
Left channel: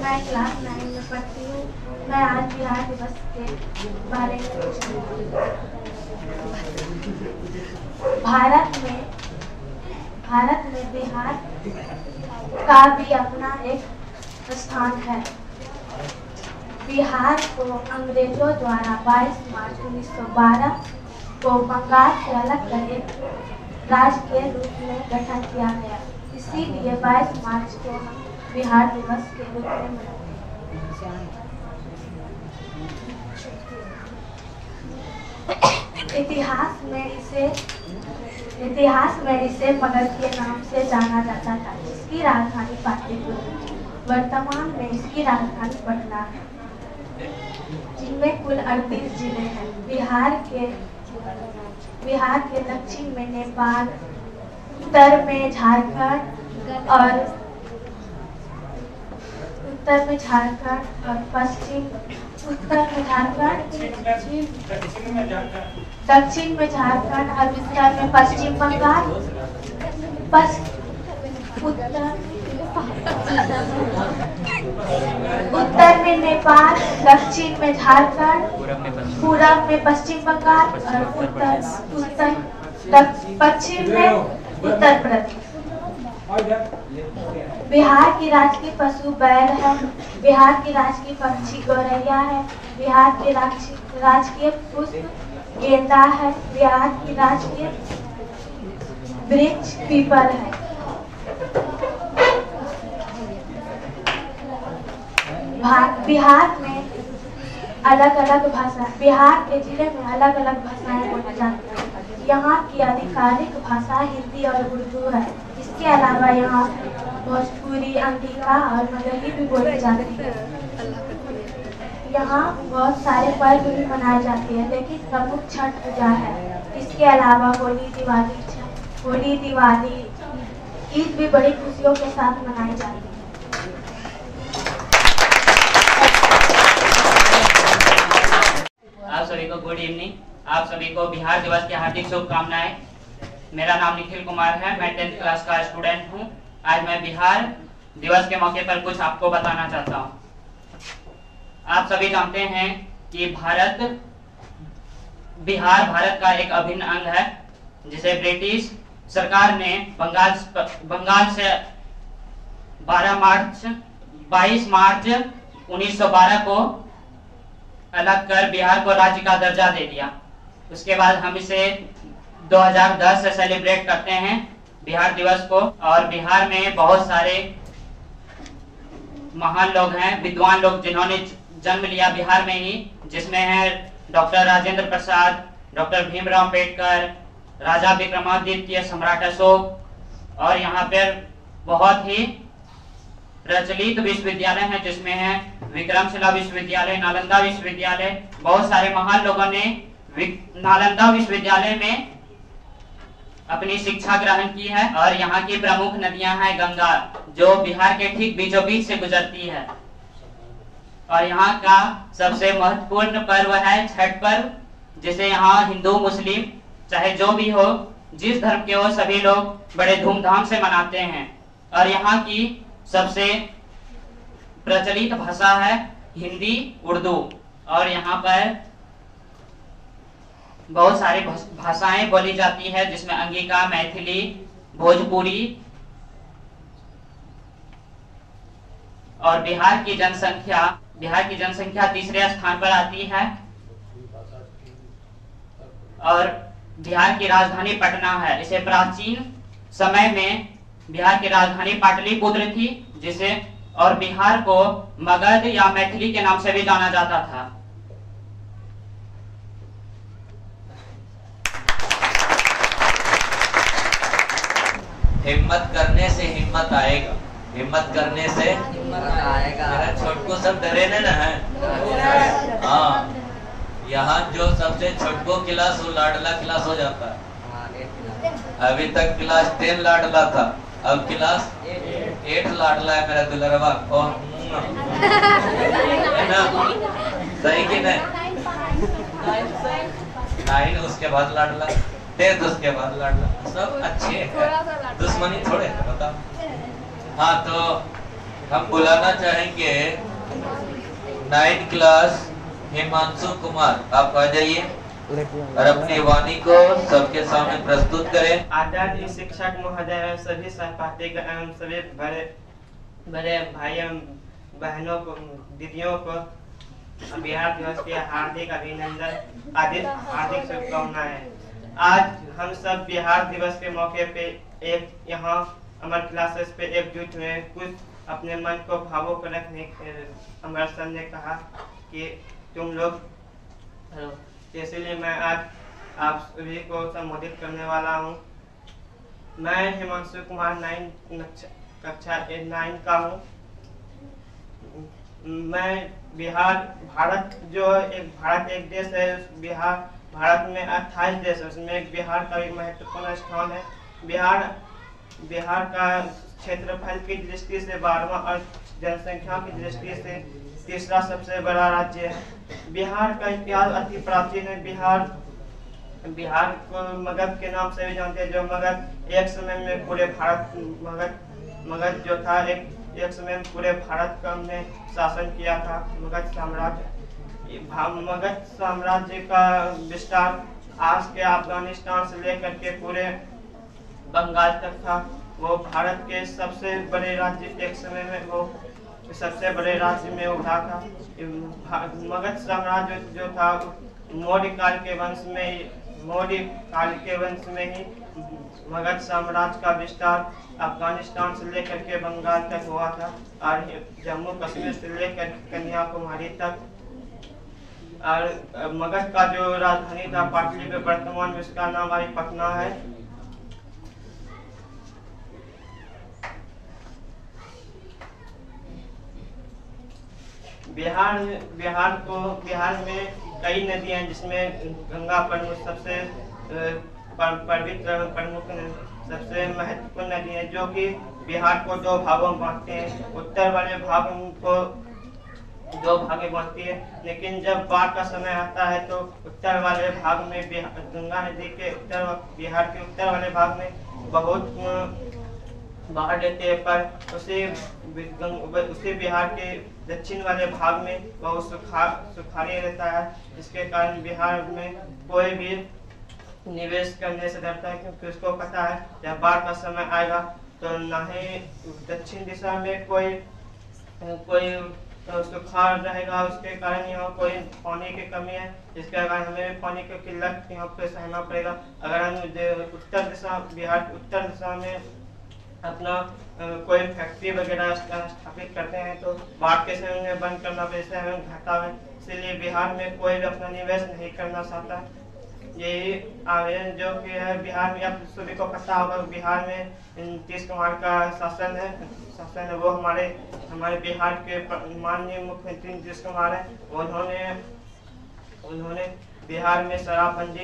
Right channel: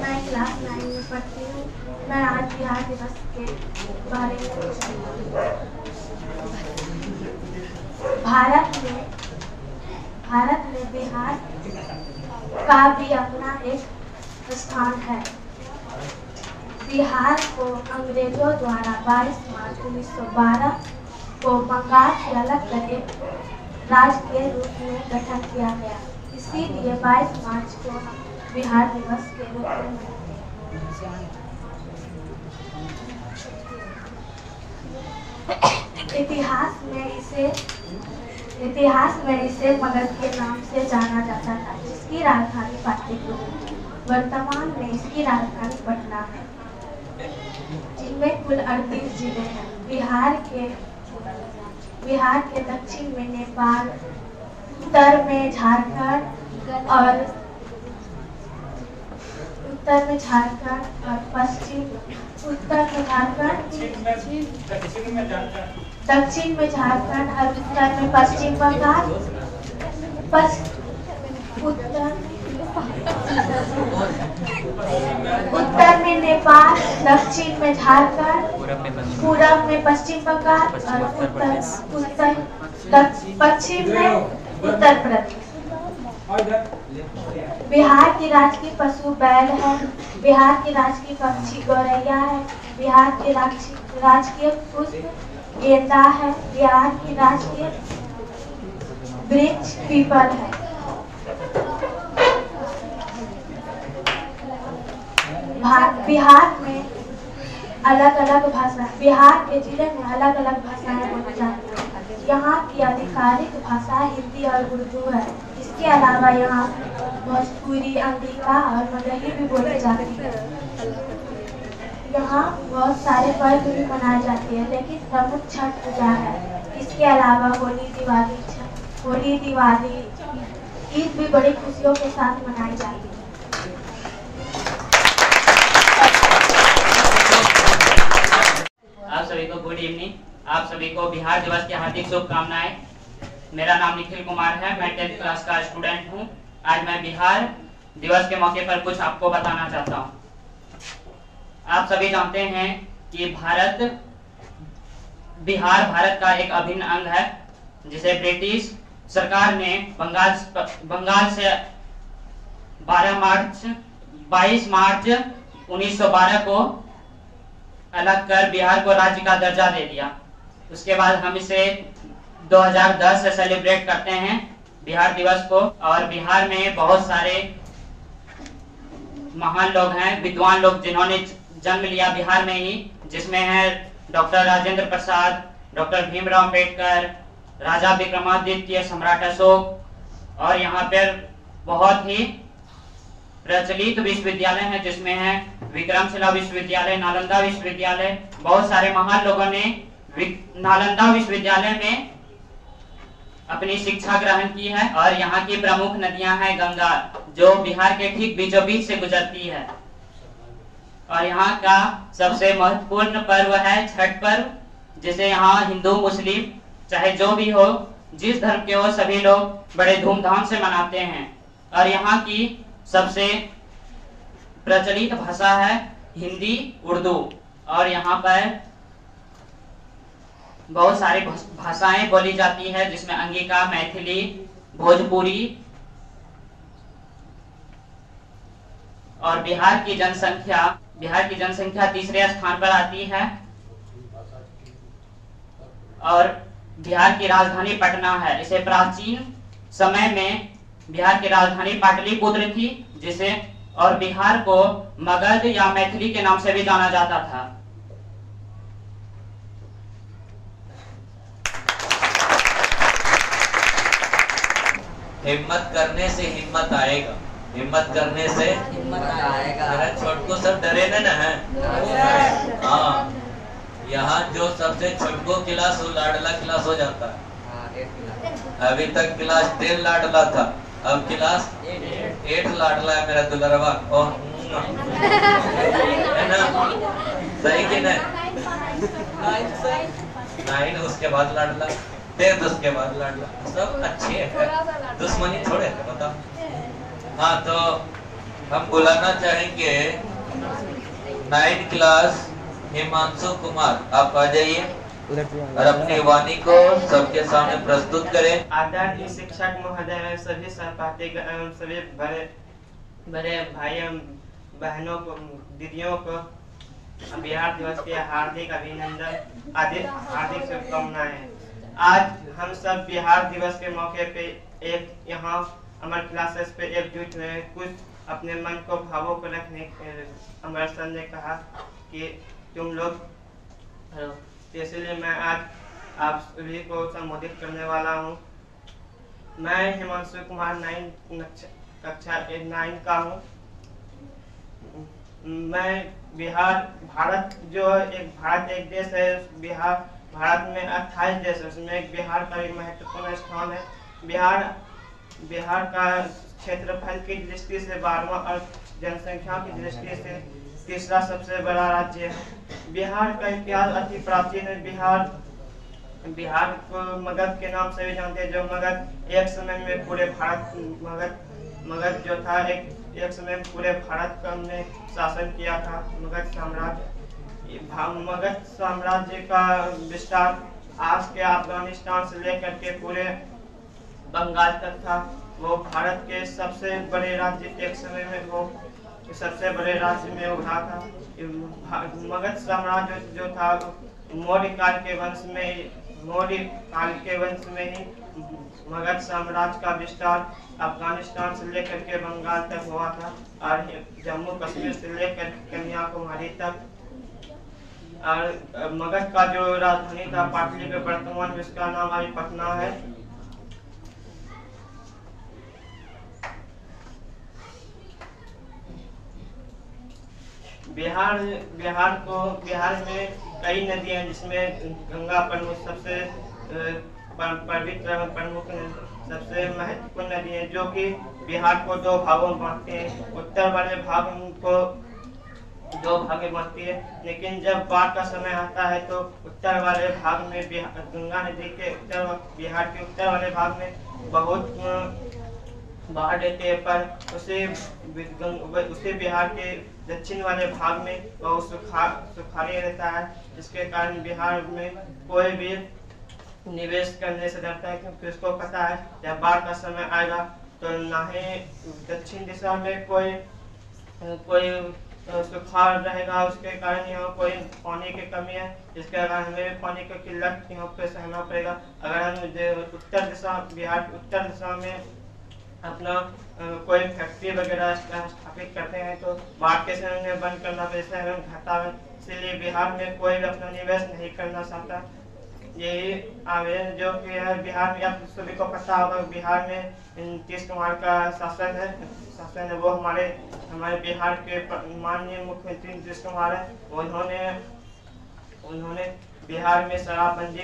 मैं क्लास 9 में पढ़ती हूँ। मैं आज बिहार दिवस के बारे में कुछ बोलूँगी। भारत में बिहार का भी अपना एक स्थान है। बिहार को अंग्रेजों द्वारा 22 मार्च 1912 को बंगाल से अलग कर एक राज्य के रूप में गठन किया गया। इसीलिए 22 मार्च को हम बिहार दिवस के रूप में मनाते हैं। इतिहास में इसे मगध के नाम से जाना जाता था, जिसकी राजधानी पाटलिपुत्र थी। वर्तमान में इसकी राजधानी पटना है, जिनमें कुल 38 जिले हैं। बिहार के दक्षिण में नेपाल, उत्तर में झारखंड और दक्षिण में झारखंड और उत्तर में पश्चिम बंगाल, उत्तर में नेपाल, दक्षिण में झारखंड, पूरब में पश्चिम बंगाल और पश्चिम में उत्तर प्रदेश। बिहार की राजकीय पशु बैल है। बिहार की राजकीय पक्षी गौरैया है। बिहार की राजकीय पुष्प गेंदा है। बिहार की राजकीय वृक्ष पीपल है। बिहार में बिहार के जिले में अलग अलग भाषाएं बोली जाती हैं। यहाँ की आधिकारिक भाषा हिंदी और उर्दू है। इसके अलावा यहाँ भोजपुरी, अंगिका और मगही भी बोली जाती है। यहाँ बहुत सारे पर्व भी मनाए जाते हैं, लेकिन प्रमुख छठ पूजा है। इसके अलावा होली, दिवाली, ईद भी बड़ी खुशियों के साथ मनाई जाती है। आप सभी को गुड इवनिंग। आप सभी को बिहार दिवस की हार्दिक शुभकामनाएं। मेरा नाम निखिल कुमार है। मैं 10th क्लास का स्टूडेंट हूं। आज मैं बिहार दिवस के मौके पर कुछ आपको बताना चाहता हूं। आप सभी जानते हैं कि बिहार भारत का एक अभिन्न अंग है, जिसे ब्रिटिश सरकार ने बंगाल से 22 मार्च 1912 को अलग कर बिहार को राज्य का दर्जा दे दिया। उसके बाद हम इसे 2010 से सेलिब्रेट करते हैं बिहार दिवस को। और बिहार में बहुत सारे महान लोग हैं, विद्वान लोग, जिन्होंने जन्म लिया बिहार में ही, जिसमें है डॉक्टर राजेंद्र प्रसाद, डॉक्टर भीमराव अंबेडकर, राजा विक्रमादित्य, सम्राट अशोक। और यहाँ पर बहुत ही प्रचलित विश्वविद्यालय हैं, जिसमें है विक्रमशिला विश्वविद्यालय, नालंदा विश्वविद्यालय। बहुत सारे महान लोगों ने नालंदा विश्वविद्यालय में अपनी शिक्षा ग्रहण की है। और यहाँ की प्रमुख नदियां हैं गंगा, जो बिहार के ठीक बीचों बीच से गुजरती है। और यहाँ का सबसे महत्वपूर्ण पर्व है छठ पर्व, जिसे यहाँ हिंदू मुस्लिम चाहे जो भी हो, जिस धर्म के हो, सभी लोग बड़े धूमधाम से मनाते हैं। और यहाँ की सबसे प्रचलित भाषा है हिंदी, उर्दू। और यहाँ पर बहुत सारी भाषाएं बोली जाती है, जिसमें अंगिका, मैथिली, भोजपुरी। और बिहार की जनसंख्या तीसरे स्थान पर आती है। और बिहार की राजधानी पटना है। इसे प्राचीन समय में बिहार की राजधानी पाटलिपुत्र थी, और बिहार को मगध या मैथिली के नाम से भी जाना जाता था। हिम्मत करने से हिम्मत आएगा। हिम्मत करने से हिम्मत आएगा। मेरा छोटको सब डरे न है। हाँ, यहाँ जो सबसे छोटको क्लास वो लाडला क्लास हो जाता है। अभी तक क्लास 10 लाडला था, अब क्लास 8 लाडला है मेरा दुलरवा। है ना, सही कि नहीं? 9 उसके बाद लाडला, 10 उसके बाद लाडला। सब अच्छे हैं, दुश्मनी थोड़े है, बताओ। हाँ, तो हम बुलाना चाहेंगे 9th क्लास हिमांशु कुमार। आप आ जाइए और अपनी वाणी को सबके सामने प्रस्तुत करें। आदरणीय शिक्षक महोदय एवं सभी सहपाठी एवं सभी बड़े भाई एवं बहनों को, दीदियों को बिहार दिवस के हार्दिक अभिनंदन, हार्दिक शुभकामनाएं। आज हम सब बिहार दिवस के मौके पे एक यहाँ हमारे क्लासेस पे एकजुट हुए, कुछ अपने मन को भावुक रखने हमारे सर ने कहा कि तुम लोग, इसलिए मैं आज आप सभी को संबोधित करने वाला हूँ। मैं हिमांशु कुमार कक्षा 9 का हूँ। मैं भारत एक देश है। भारत में 28 देश है, उसमें एक बिहार का भी महत्वपूर्ण स्थान है। बिहार का क्षेत्रफल की दृष्टि से 12वां और जनसंख्या की दृष्टि से तीसरा सबसे बड़ा राज्य है। बिहार का इतिहास अति प्राचीन है। बिहार को मगध के नाम से भी जानते हैं, जो मगध एक समय में पूरे भारत मगध जो था एक समय में पूरे भारत का हमने शासन किया था। मगध साम्राज्य का विस्तार आज के अफगानिस्तान से लेकर के पूरे बंगाल तक था। वो भारत के सबसे बड़े राज्य एक समय में वो सबसे बड़े राज्य में उठा था। मगध साम्राज्य जो था मौर्य काल के वंश में ही मगध साम्राज्य का विस्तार अफगानिस्तान से लेकर के बंगाल तक हुआ था और जम्मू कश्मीर से लेकर कन्याकुमारी तक। और मगध का जो राजधानी था पाटलिपुत्र, वर्तमान में उसका नाम अभी पटना है। बिहार में कई नदियां हैं, जिसमें गंगा प्रमुख सबसे पवित्र प्रमुख सबसे महत्वपूर्ण नदी है, जो कि बिहार को 2 भागों में बांटते हैं। उत्तर वाले भाग को 2 भाग में बांटती है, लेकिन जब बाढ़ का समय आता है तो उत्तर वाले भाग में गंगा नदी के बिहार के उत्तर वाले भाग में बहुत बाढ़ देते हैं, पर उसे बिहार के दक्षिण वाले भाग में बहुत सुखाड़ी रहता है, जिसके कारण बिहार में कोई भी निवेश करने से डरता है, क्योंकि उसको पता है जब बाढ़ का समय आएगा तो ना ही दक्षिण दिशा में कोई सुखाड़ रहेगा, उसके कारण यहाँ कोई पानी की कमी है, जिसके कारण हमें पानी की किल्लत यहाँ पे सहना पड़ेगा। अगर हम बिहार के उत्तर दिशा में अपना कोई फैक्ट्री वगैरह स्थापित करते हैं तो बाढ़ के समय में बंद करना पैसा हमें घाटा है, इसलिए बिहार में कोई भी अपना निवेश नहीं करना चाहता। यही आवेदन जो कि है बिहार में, आप सभी को पता होगा बिहार में नीतीश कुमार का शासन है। वो हमारे बिहार के माननीय मुख्यमंत्री नीतीश कुमार है। उन्होंने बिहार में शराब बंद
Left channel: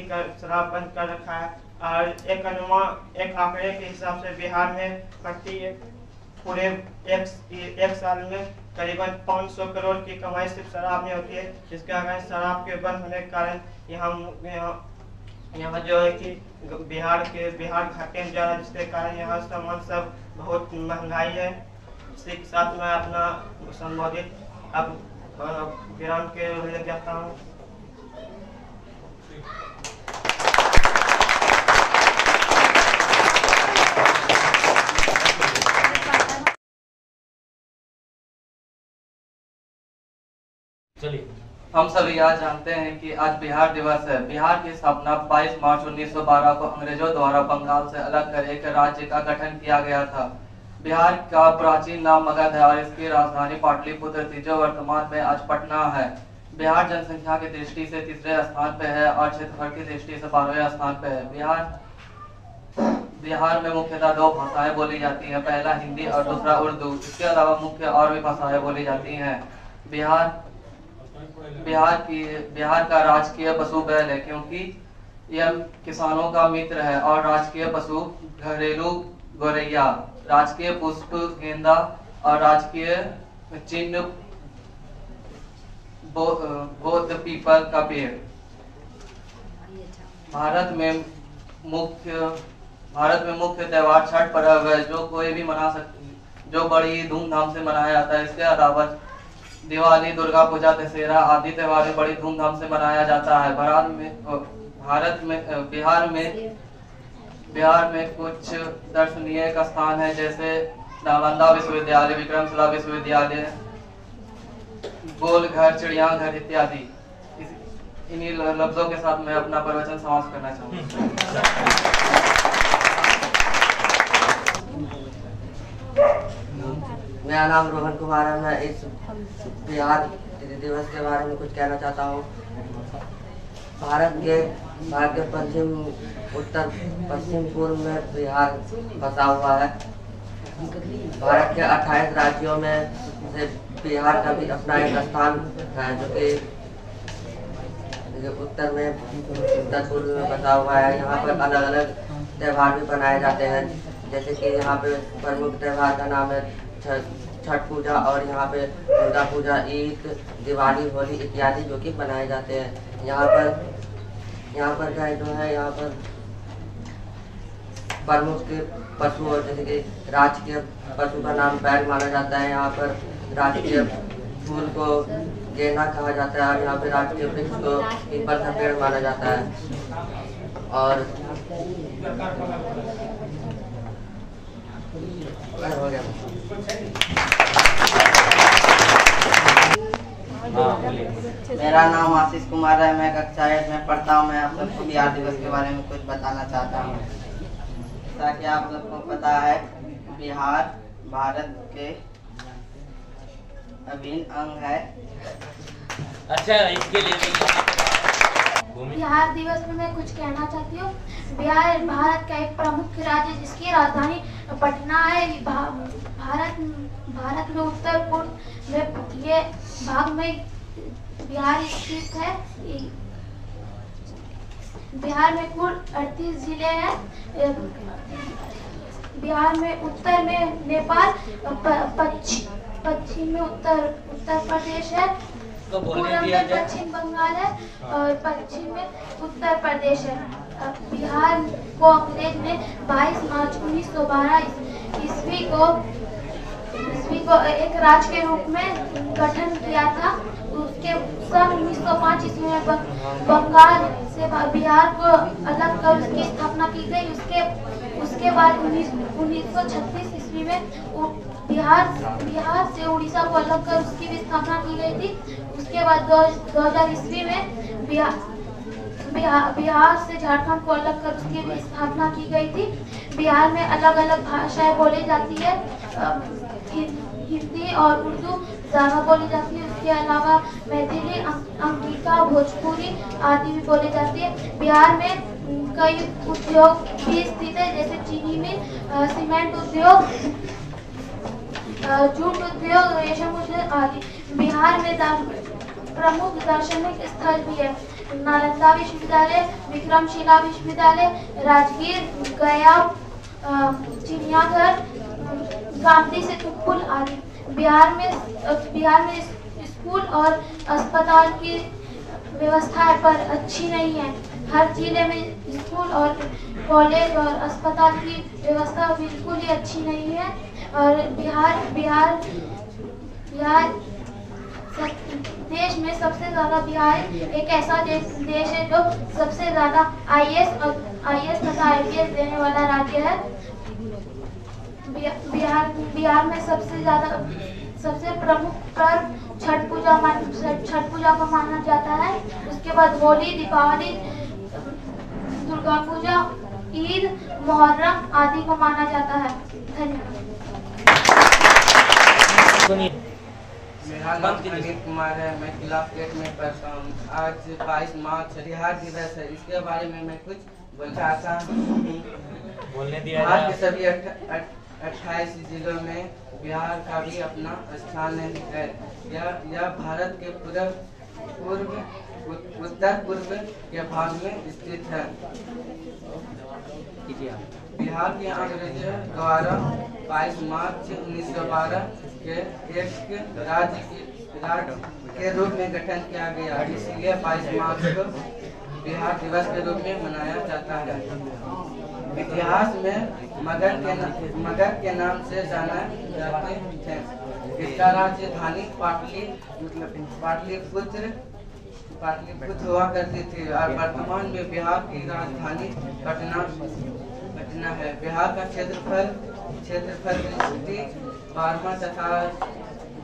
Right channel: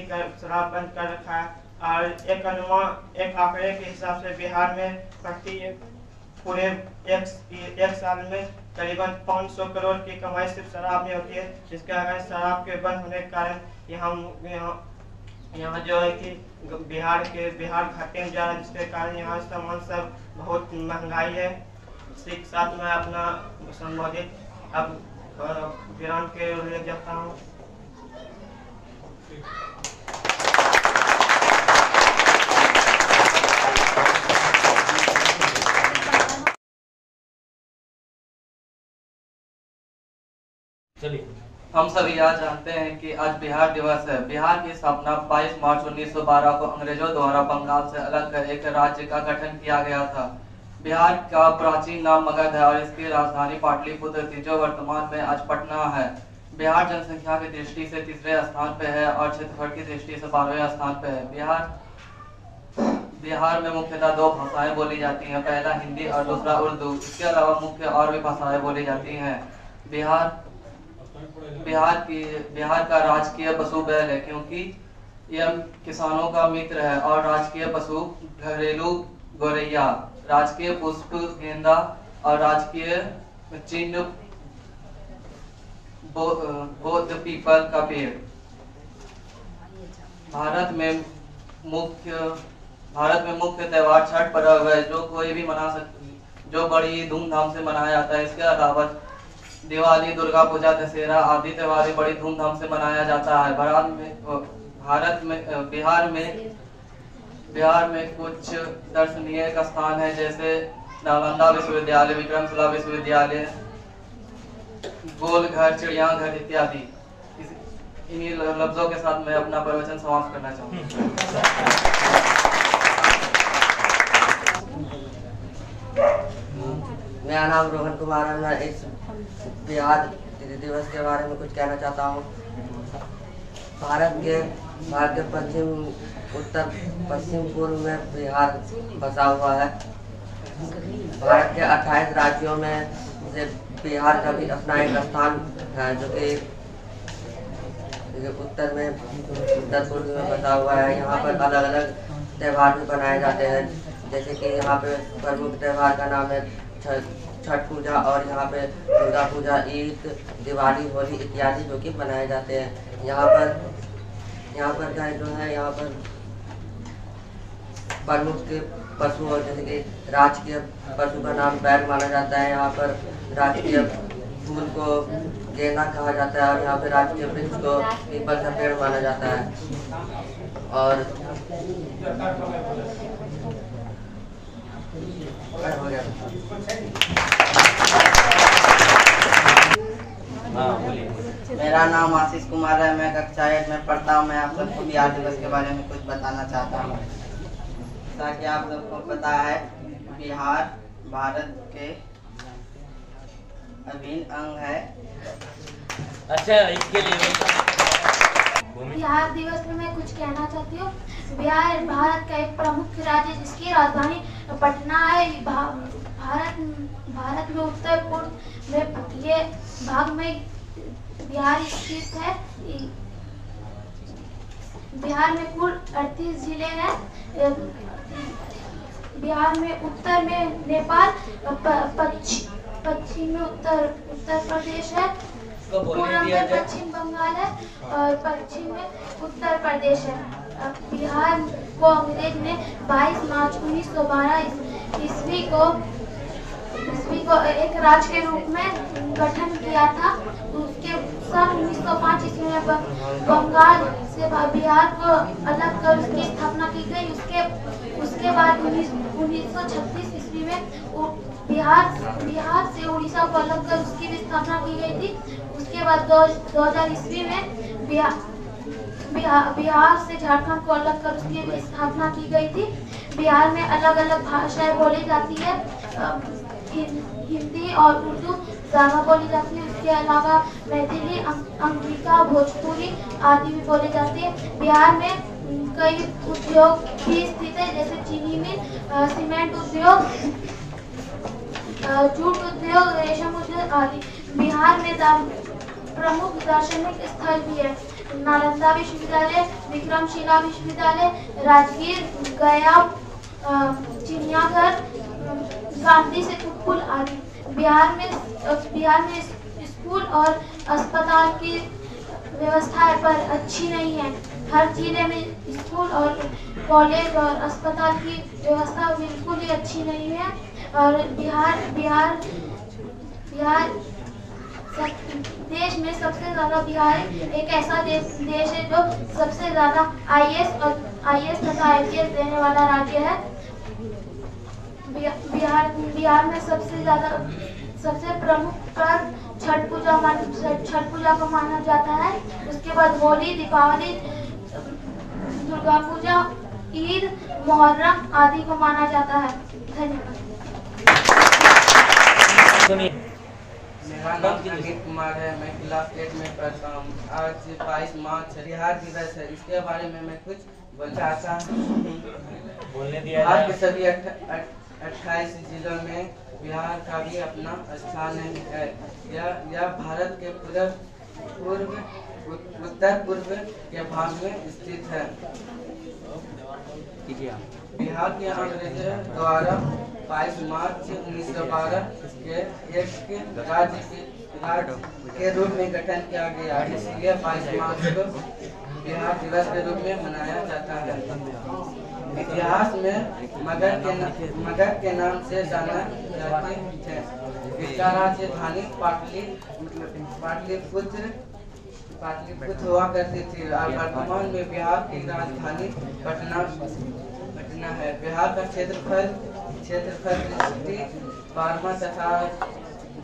कर रखा है और एक आंकड़े के हिसाब से बिहार में प्रति पूरे एक साल में करीबन 500 करोड़ की कमाई सिर्फ शराब में होती है, जिसके कारण शराब के बंद होने के कारण यहाँ जो है कि बिहार घाटे में जा रहा है, जिसके कारण यहाँ सामान सब बहुत महंगाई है। इसी के साथ मैं अपना संबोधित अब विराम के ले जाता हूँ। चलिए, हम सभी आज जानते हैं कि आज बिहार दिवस है। बिहार की स्थापना 22 मार्च 1912 को अंग्रेजों द्वारा बंगाल से अलग कर एक राज्य का गठन किया गया था। बिहार का प्राचीन नाम मगध है और इसकी राजधानी पाटलिपुत्र थी, जो वर्तमान में आज पटना है। बिहार जनसंख्या की दृष्टि से तीसरे स्थान पे है और क्षेत्रफल की दृष्टि से 12वें स्थान पे है। बिहार में मुख्यतः 2 भाषाएं बोली जाती हैं, पहला हिंदी और दूसरा उर्दू। इसके अलावा मुख्य और भी भाषाएं बोली जाती हैं। बिहार का राजकीय पशु बैल है, क्योंकि यह किसानों का मित्र है, और राजकीय पशु घरेलू गौरैया, राजकीय पुष्प गेंदा और राजकीय चिन्ह बौद्ध पीपल का पेड़। भारत में मुख्य त्योहार छठ पर्व है, जो कोई भी मना सकते, जो बड़ी धूमधाम से मनाया जाता है। इसके अलावा दिवाली, दुर्गा पूजा, दशहरा आदि त्योहार बड़ी धूमधाम से मनाया जाता है। बिहार में कुछ दर्शनीय का स्थान है, जैसे नालंदा विश्वविद्यालय, विक्रमशिला विश्वविद्यालय, गोल घर, चिड़िया घर इत्यादि। इन्हीं लफ्जों के साथ मैं अपना प्रवचन समाप्त करना चाहूँगा। मेरा नाम रोहन कुमार है। मैं इस बिहार दिवस के बारे में कुछ कहना चाहता हूँ। भारत के उत्तर पश्चिम पूर्व में बिहार बसा हुआ है। भारत के 28 राज्यों में से बिहार का भी अपना एक स्थान है, जो कि उत्तर पूर्व में बसा हुआ है। यहाँ पर अलग अलग त्यौहार भी मनाए जाते हैं, जैसे कि यहाँ पे प्रमुख त्यौहार का नाम है छठ पूजा, और यहाँ पे दुर्गा पूजा, ईद, दिवाली, होली इत्यादि जो कि मनाए जाते हैं। यहाँ पर क्या जो है, यहाँ पर प्रमुख पशु और जैसे कि राजकीय पशु का नाम बैल माना जाता है। यहाँ पर राजकीय फूल को गेंदा कहा जाता है, और यहाँ पे राजकीय वृक्ष को पीपल का पेड़ माना जाता है। और हो गया। मेरा नाम आशीष कुमार है। मैं कक्षा 8 में पढ़ता हूँ। मैं आप सबको बिहार दिवस के बारे में कुछ बताना चाहता हूँ, ताकि आप सबको पता है बिहार भारत के अभिन्न अंग है। अच्छा, इसके लिए बिहार दिवस में मैं कुछ कहना चाहती हूँ। बिहार भारत का एक प्रमुख राज्य जिसकी राजधानी पटना है। भारत में उत्तर पूर्व में ये भाग में बिहार स्थित है। बिहार में कुल 38 जिले हैं। बिहार में उत्तर में नेपाल, पश्चिम में उत्तर प्रदेश है, पूर्व में पश्चिम बंगाल है, और पश्चिम में उत्तर प्रदेश है। बिहार को अंग्रेज ने 22 मार्च 1912 ईस्वी को एक राज्य के रूप में गठन किया था। उसके सन 1905 ईस्वी में बंगाल से बिहार को अलग कर उसकी स्थापना की गई। उसके बाद 1936 ईस्वी में बिहार से उड़ीसा को अलग कर उसकी भी स्थापना की गई थी। उसके बाद 2000 ईस्वी में बिहार से झारखंड को अलग कर उसकी भी स्थापना की गई थी। बिहार में अलग अलग भाषाएं बोली जाती है। हिंदी और उर्दू ज़्यादा बोली जाती है। उसके अलावा मैथिली, अंगिका, भोजपुरी आदि भी बोली जाती है। बिहार में कई उद्योग भी स्थित है, जैसे चीनी मिल, सीमेंट उद्योग, जूट उद्योग, रेशम उद्योग आदि। बिहार में प्रमुख दार्शनिक स्थल भी है। नालंदा विश्वविद्यालय, विक्रमशिला विश्वविद्यालय, राजगीर, गया, चिड़ियाघर, गांधी सेतु पुल आदि। बिहार में स्कूल और अस्पताल की व्यवस्था पर अच्छी नहीं है। हर जिले में स्कूल और कॉलेज और अस्पताल की व्यवस्था बिल्कुल ही अच्छी नहीं है। और बिहार देश में सबसे ज्यादा बिहार एक ऐसा देश है जो सबसे ज्यादा आईएएस तथा आईपीएस देने वाला राज्य है। बिहार में सबसे प्रमुख पर्व छठ पूजा को माना जाता है। उसके बाद होली, दीपावली, दुर्गा पूजा, ईद, मुहर्रम आदि को माना जाता है। धन्यवाद। मेरा नाम अमित कुमार है। मैं क्लास 8 में पढ़ता हूँ। आज 22 मार्च बिहार दिवस है। इसके बारे में मैं कुछ बताता हूँ। बिहार के सभी 28 जिलों में बिहार का भी अपना स्थान है। यह भारत के उत्तर पूर्व के भाग में स्थित है। बिहार के अंग्रेजों द्वारा 22 मार्च 1912 के एक राज्य के रूप में गठन किया गया, इसलिए 22 मार्च को बिहार दिवस के रूप में मनाया जाता है। इतिहास में मगध के नाम से जाना जाते थे। इसका राजधानी पाटलिपुत्र हुआ करती थी, और वर्तमान में बिहार की राजधानी पटना है। बिहार का क्षेत्रफल 12 तथा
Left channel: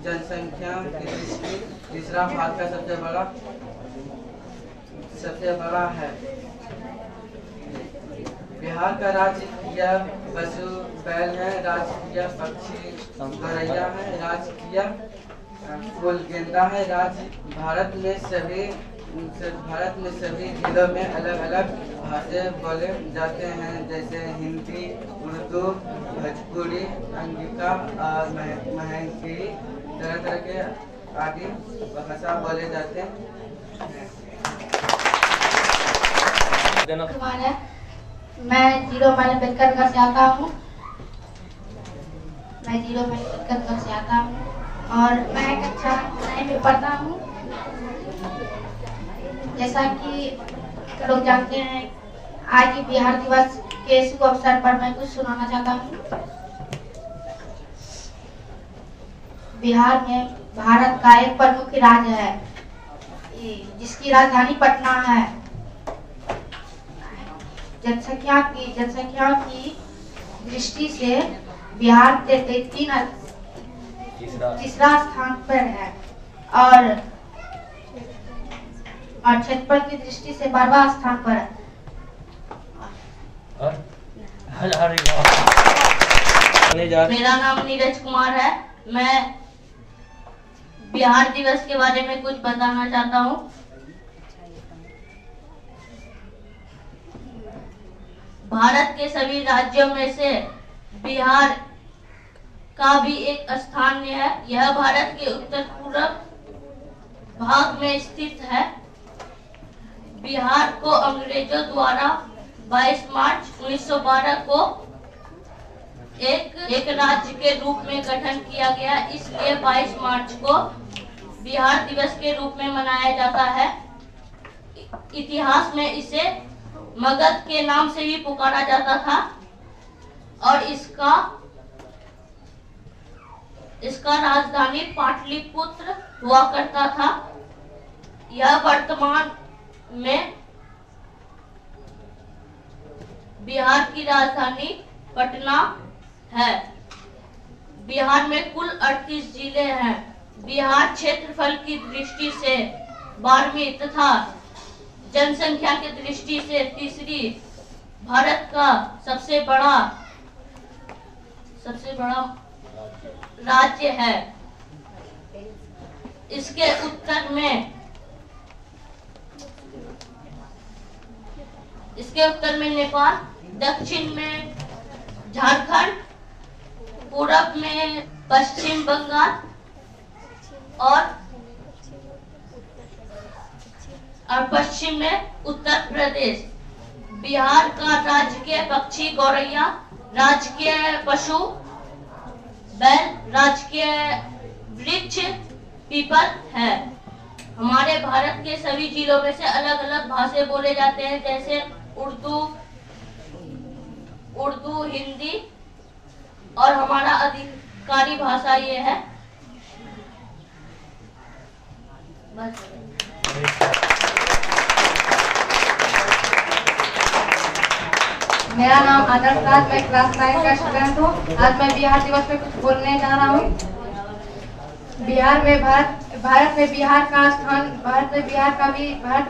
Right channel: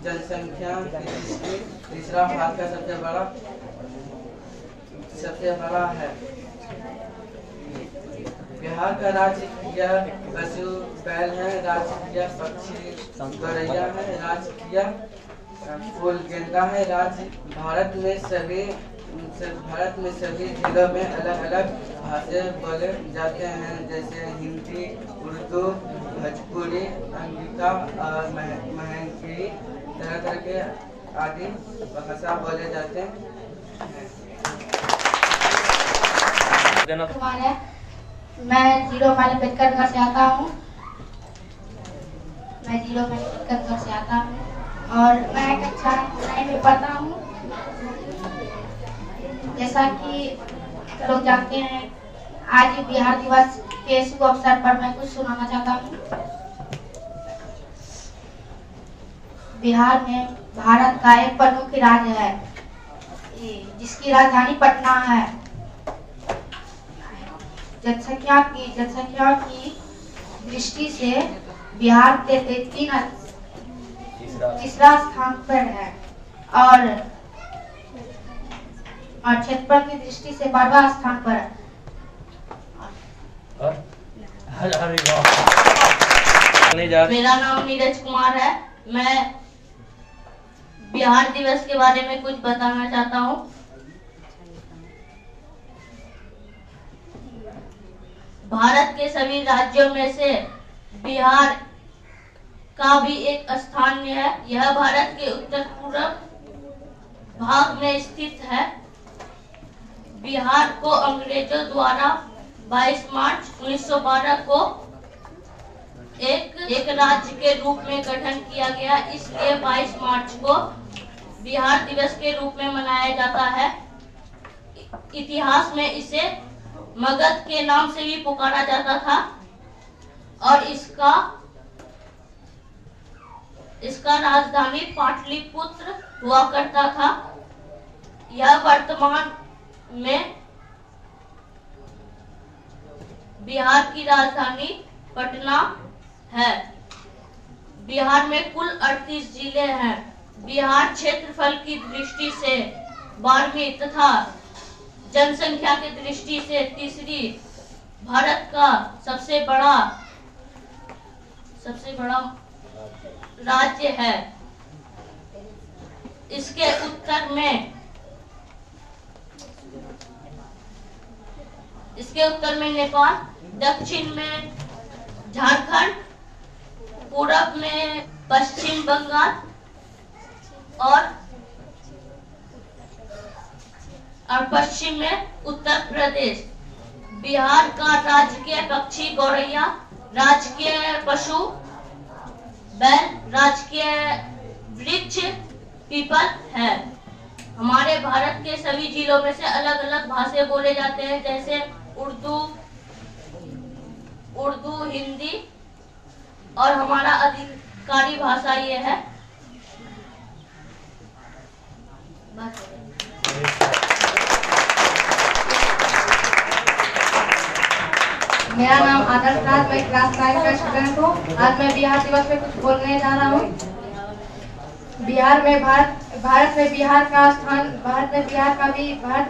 जनसंख्या की दृष्टि तीसरा भारत का सबसे बड़ा है। बिहार का राजकीय पशु बैल है, राजकीय पक्षी गौरैया है, राजकीय फूल गेंदा है। भारत में सभी जिलों में अलग अलग भाषा बोले जाते हैं, जैसे हिंदी, उर्दू, भोजपुरी, अंगिका और महंगी, तरह तरह के आदि भाषा बोले जाते हैं। मैं 0 माइल अम्बेडकर घर से आता हूँ। और मैं कक्षा 9 में पढ़ता हूँ। जैसा कि लोग जानते हैं, आज बिहार दिवस के शुभ अवसर पर मैं कुछ सुनाना चाहता हूँ। बिहार में भारत का एक प्रमुख राज्य है, जिसकी राजधानी पटना है। जनसंख्या की दृष्टि से बिहार तीसरा स्थान पर है और क्षेत्रफल की दृष्टि से 12वां स्थान पर है। मेरा नाम नीरज कुमार है। मैं बिहार दिवस के बारे में कुछ बताना चाहता हूँ। भारत के सभी राज्यों में से बिहार का भी एक स्थान है। यह भारत के उत्तर पूर्व भाग में स्थित है। बिहार को अंग्रेजों द्वारा 22 मार्च 1912 को एक राज्य के रूप में गठन किया गया, इसलिए 22 मार्च को बिहार दिवस के रूप में मनाया जाता है। इतिहास में इसे मगध के नाम से भी पुकारा जाता था और इसका राजधानी पाटलिपुत्र हुआ करता था। यह वर्तमान में बिहार की राजधानी पटना है। बिहार में कुल 38 जिले हैं। बिहार क्षेत्रफल की दृष्टि से 12वीं तथा जनसंख्या की दृष्टि से तीसरी भारत का सबसे बड़ा राज्य है। इसके उत्तर में नेपाल, दक्षिण में झारखंड, पूरब में पश्चिम बंगाल और पश्चिम में उत्तर प्रदेश। बिहार का राजकीय पक्षी गौरैया, राजकीय पशु बैल, राजकीय वृक्ष पीपल है। हमारे भारत के सभी जिलों में से अलग अलग भाषा बोले जाते हैं, जैसे उर्दू, हिंदी और हमारा अधिकारी भाषा ये है। बस। मेरा नाम आदर्श राज, मैं क्लास 9 का स्टूडेंट हूँ। आज मैं बिहार दिवस में कुछ बोलने जा रहा हूँ। भारत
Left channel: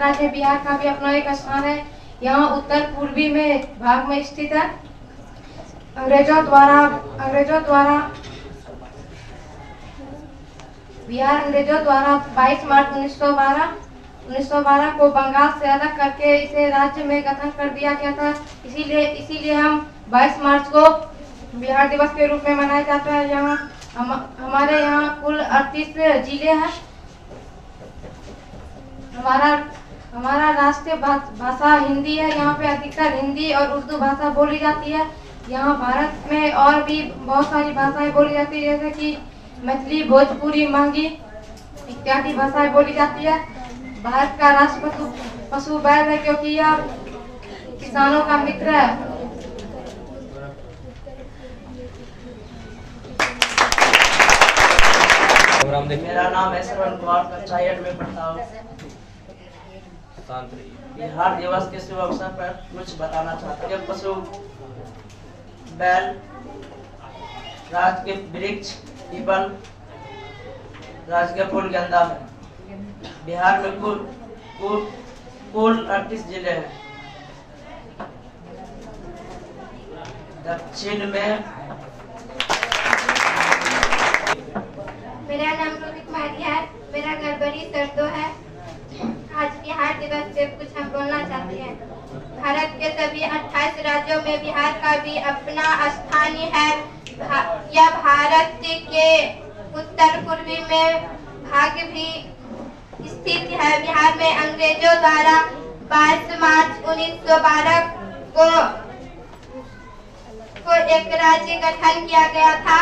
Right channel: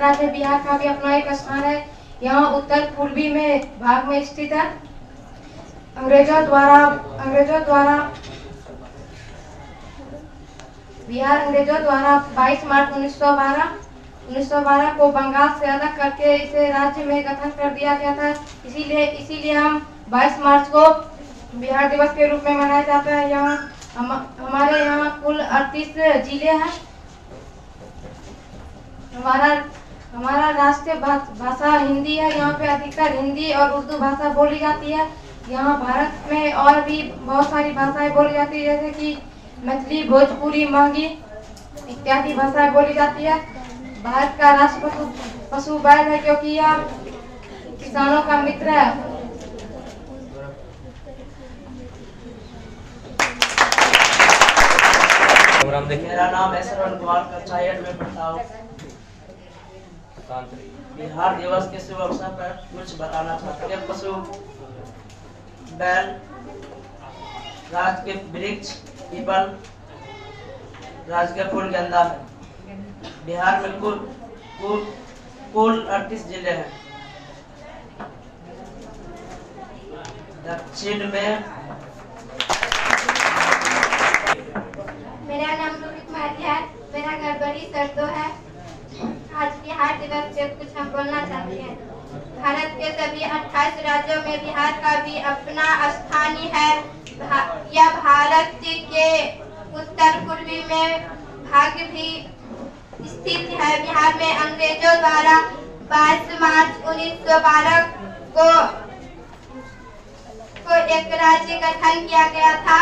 राज्य बिहार का भी अपना एक स्थान है। यहाँ उत्तर पूर्वी में भाग में स्थित है। अंग्रेजों द्वारा बिहार 22 मार्च 1912 को बंगाल से अलग करके इसे राज्य में गठन कर दिया गया था। इसीलिए हम 22 मार्च को बिहार दिवस के रूप में मनाया जाता है। हमारे यहाँ कुल 38 जिले हैं। हमारा राष्ट्रीय भाषा हिंदी है। यहाँ पे अधिकतर हिंदी और उर्दू भाषा बोली जाती है। यहाँ भारत में और भी बहुत सारी भाषाएं बोली जाती है, जैसे कि मैथिली, भोजपुरी, महंगी इत्यादि भाषाएं बोली जाती है। भारत का राष्ट्र पशु बैल है, क्योंकि यह किसानों का मित्र है। मेरा नाम है श्रवण कुमार, कक्षा 8 में पढ़ता हूँ। बिहार दिवस के शुभ अवसर पर कुछ बताना चाहता हूँ। पशु बैल, राज के वृक्ष पीपल राजकीय फूल गेंदा है। बिहार में कुल 38 जिले हैं। दक्षिण में मेरा नाम रोहित कुमारी है। मेरा नरबरी सरदो है। आज बिहार दिवस पे कुछ हम बोलना चाहते हैं। भारत के सभी 28 राज्यों में बिहार का भी अपना स्थान है। यह भारत के उत्तर पूर्वी में भाग भी स्थित है। बिहार में अंग्रेजों द्वारा 22 मार्च 1912 को एक राज्य गठन किया गया था।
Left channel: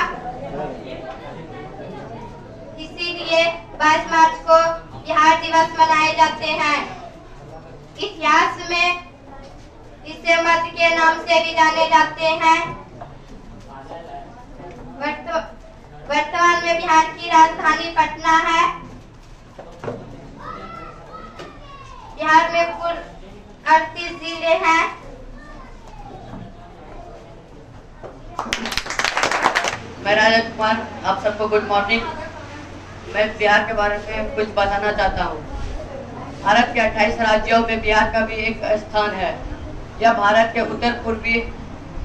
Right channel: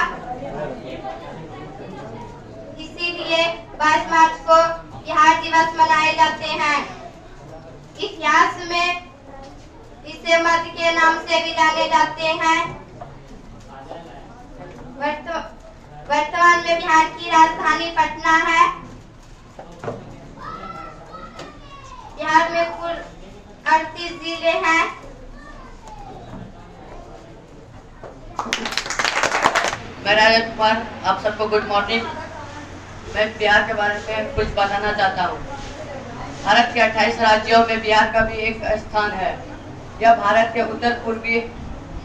इसीलिए 22 मार्च को बिहार दिवस मनाए जाते हैं। इतिहास में इसे मध्य के नाम से भी जाने जाते हैं। वर्तमान में बिहार की राजधानी पटना है। बिहार में कुल 38 जिले हैं। मैं राजा कुमार, आप सबको गुड मॉर्निंग। मैं बिहार के बारे में कुछ बताना चाहता हूँ। भारत के 28 राज्यों में बिहार का भी एक स्थान है। यह भारत के उत्तर पूर्वी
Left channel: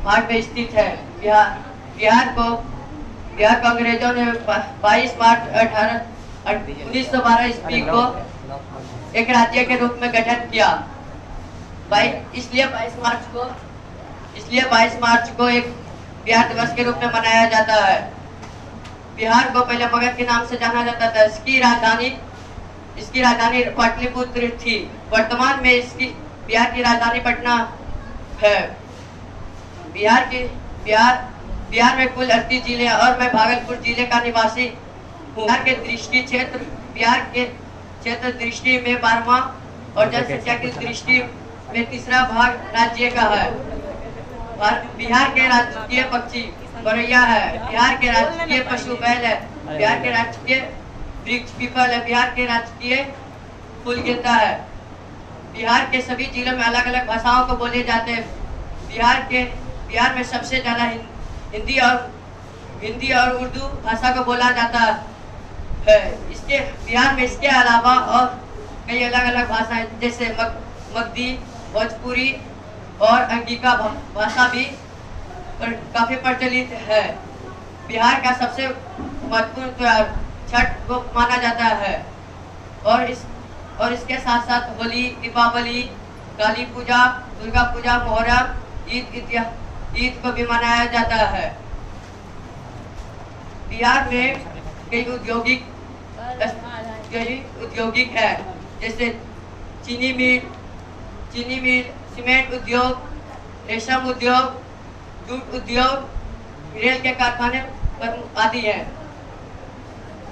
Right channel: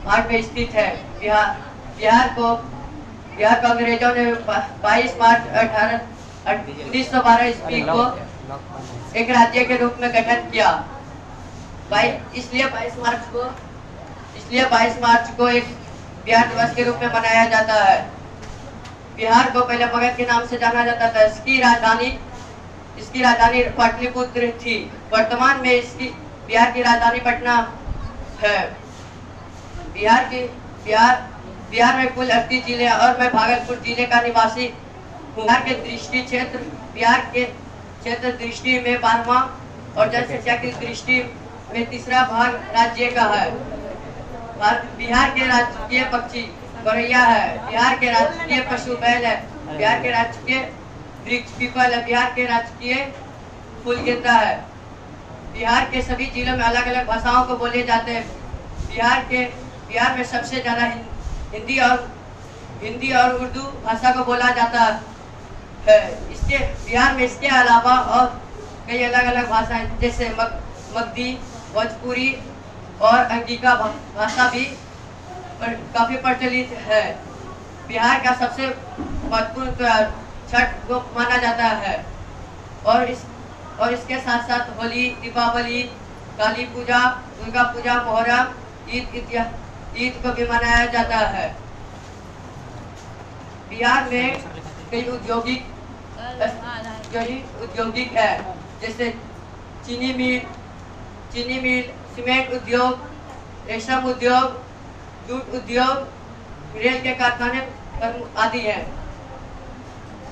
भाग में स्थित है। बिहार को अंग्रेजों ने 22 मार्च 1912 ईस्वी को एक राज्य के रूप में गठन किया। इसलिए 22 मार्च को एक बिहार दिवस के रूप में मनाया जाता है। बिहार को पहले मगध के नाम से जाना जाता था। इसकी राजधानी पाटलिपुत्र थी। वर्तमान में बिहार की राजधानी पटना है। बिहार में कुल 38 जिले और मैं भागलपुर जिले का निवासी हूँ। बिहार के क्षेत्र दृष्टि में 12वां और जनसंख्या की दृष्टि में तीसरा भाग राज्य का है। बिहार के राजकीय पक्षी गौरैया है। बिहार के राजकीय पशु बैल है। बिहार के राजकीय वृक्ष पीपल है। बिहार के राजकीय फूल गेंदा है। बिहार के सभी जिलों में अलग अलग भाषाओं को बोले जाते हैं। बिहार में सबसे ज्यादा हिंदी और उर्दू भाषा को बोला जाता है। बिहार में इसके अलावा और कई अलग अलग भाषाएं जैसे मगधी, भोजपुरी और अंगिका भाषा भी काफी प्रचलित है। बिहार का सबसे महत्वपूर्ण त्योहार छठ को माना जाता है और इसके साथ साथ होली, दीपावली, काली पूजा, दुर्गा पूजा, मोहर्रम, ईद को भी मनाया जाता है। बिहार में कई औद्योगिक है जैसे चीनी मिल, सीमेंट उद्योग, रेशम उद्योग, जूट उद्योग, रेल के कारखाने आदि हैं।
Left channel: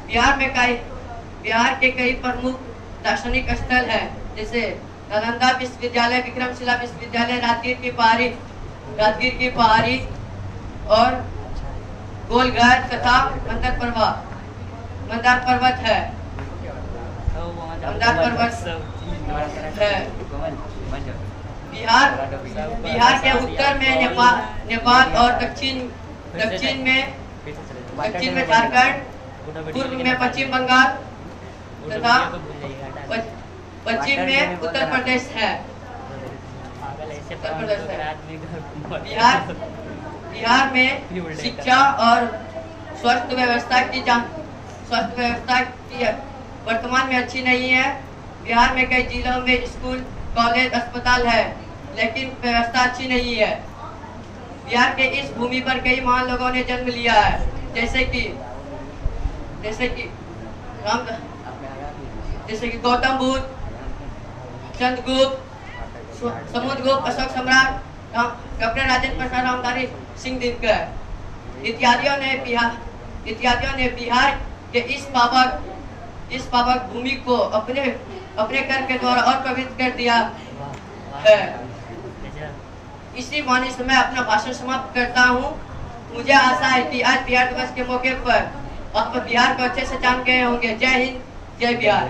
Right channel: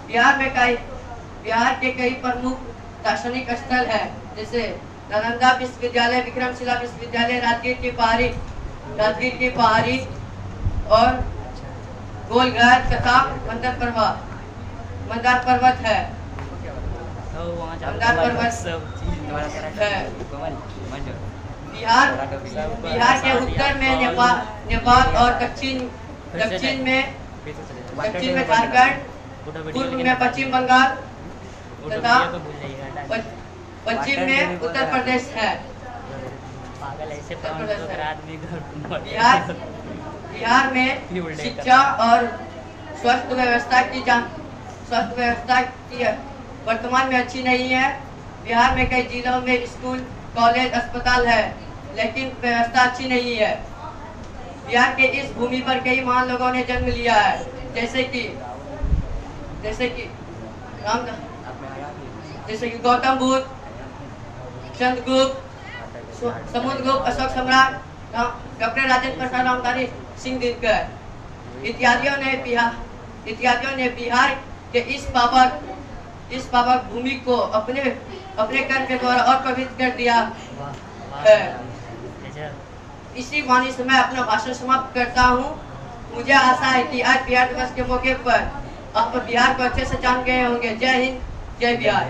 बिहार के कई प्रमुख दार्शनिक स्थल हैं जैसे नालंदा विश्वविद्यालय, विक्रमशिला विश्वविद्यालय, राजगीर की पहाड़ी और गोलघर तथा मंदार पर्वत है। बिहार के उत्तर में नेपाल और दक्षिण में झारखंड, पूर्व में पश्चिम बंगाल तथा पश्चिम में उत्तर प्रदेश है। बिहार में शिक्षा और स्वास्थ्य व्यवस्था की वर्तमान में अच्छी नहीं है। बिहार में कई जिलों में स्कूल, कॉलेज, अस्पताल है लेकिन व्यवस्था अच्छी नहीं है। बिहार के इस भूमि पर कई महान लोगों ने जन्म लिया है जैसे कि गौतम बुद्ध, चंद्रगुप्त, समुद्रगुप्त, अशोक सम्राट, डॉक्टर राजेंद्र प्रसाद, रामधारी सिंह दिनकर इत्यादियों ने बिहार के इस पावक भूमि को अपने कर के द्वारा और पवित्र कर दिया है। इसी वाणी से मैं अपना भाषण समाप्त करता हूँ। मुझे आशा है कि आज बिहार दिवस के मौके पर आप बिहार को अच्छे से जान गए होंगे। जय हिंद, जय बिहार।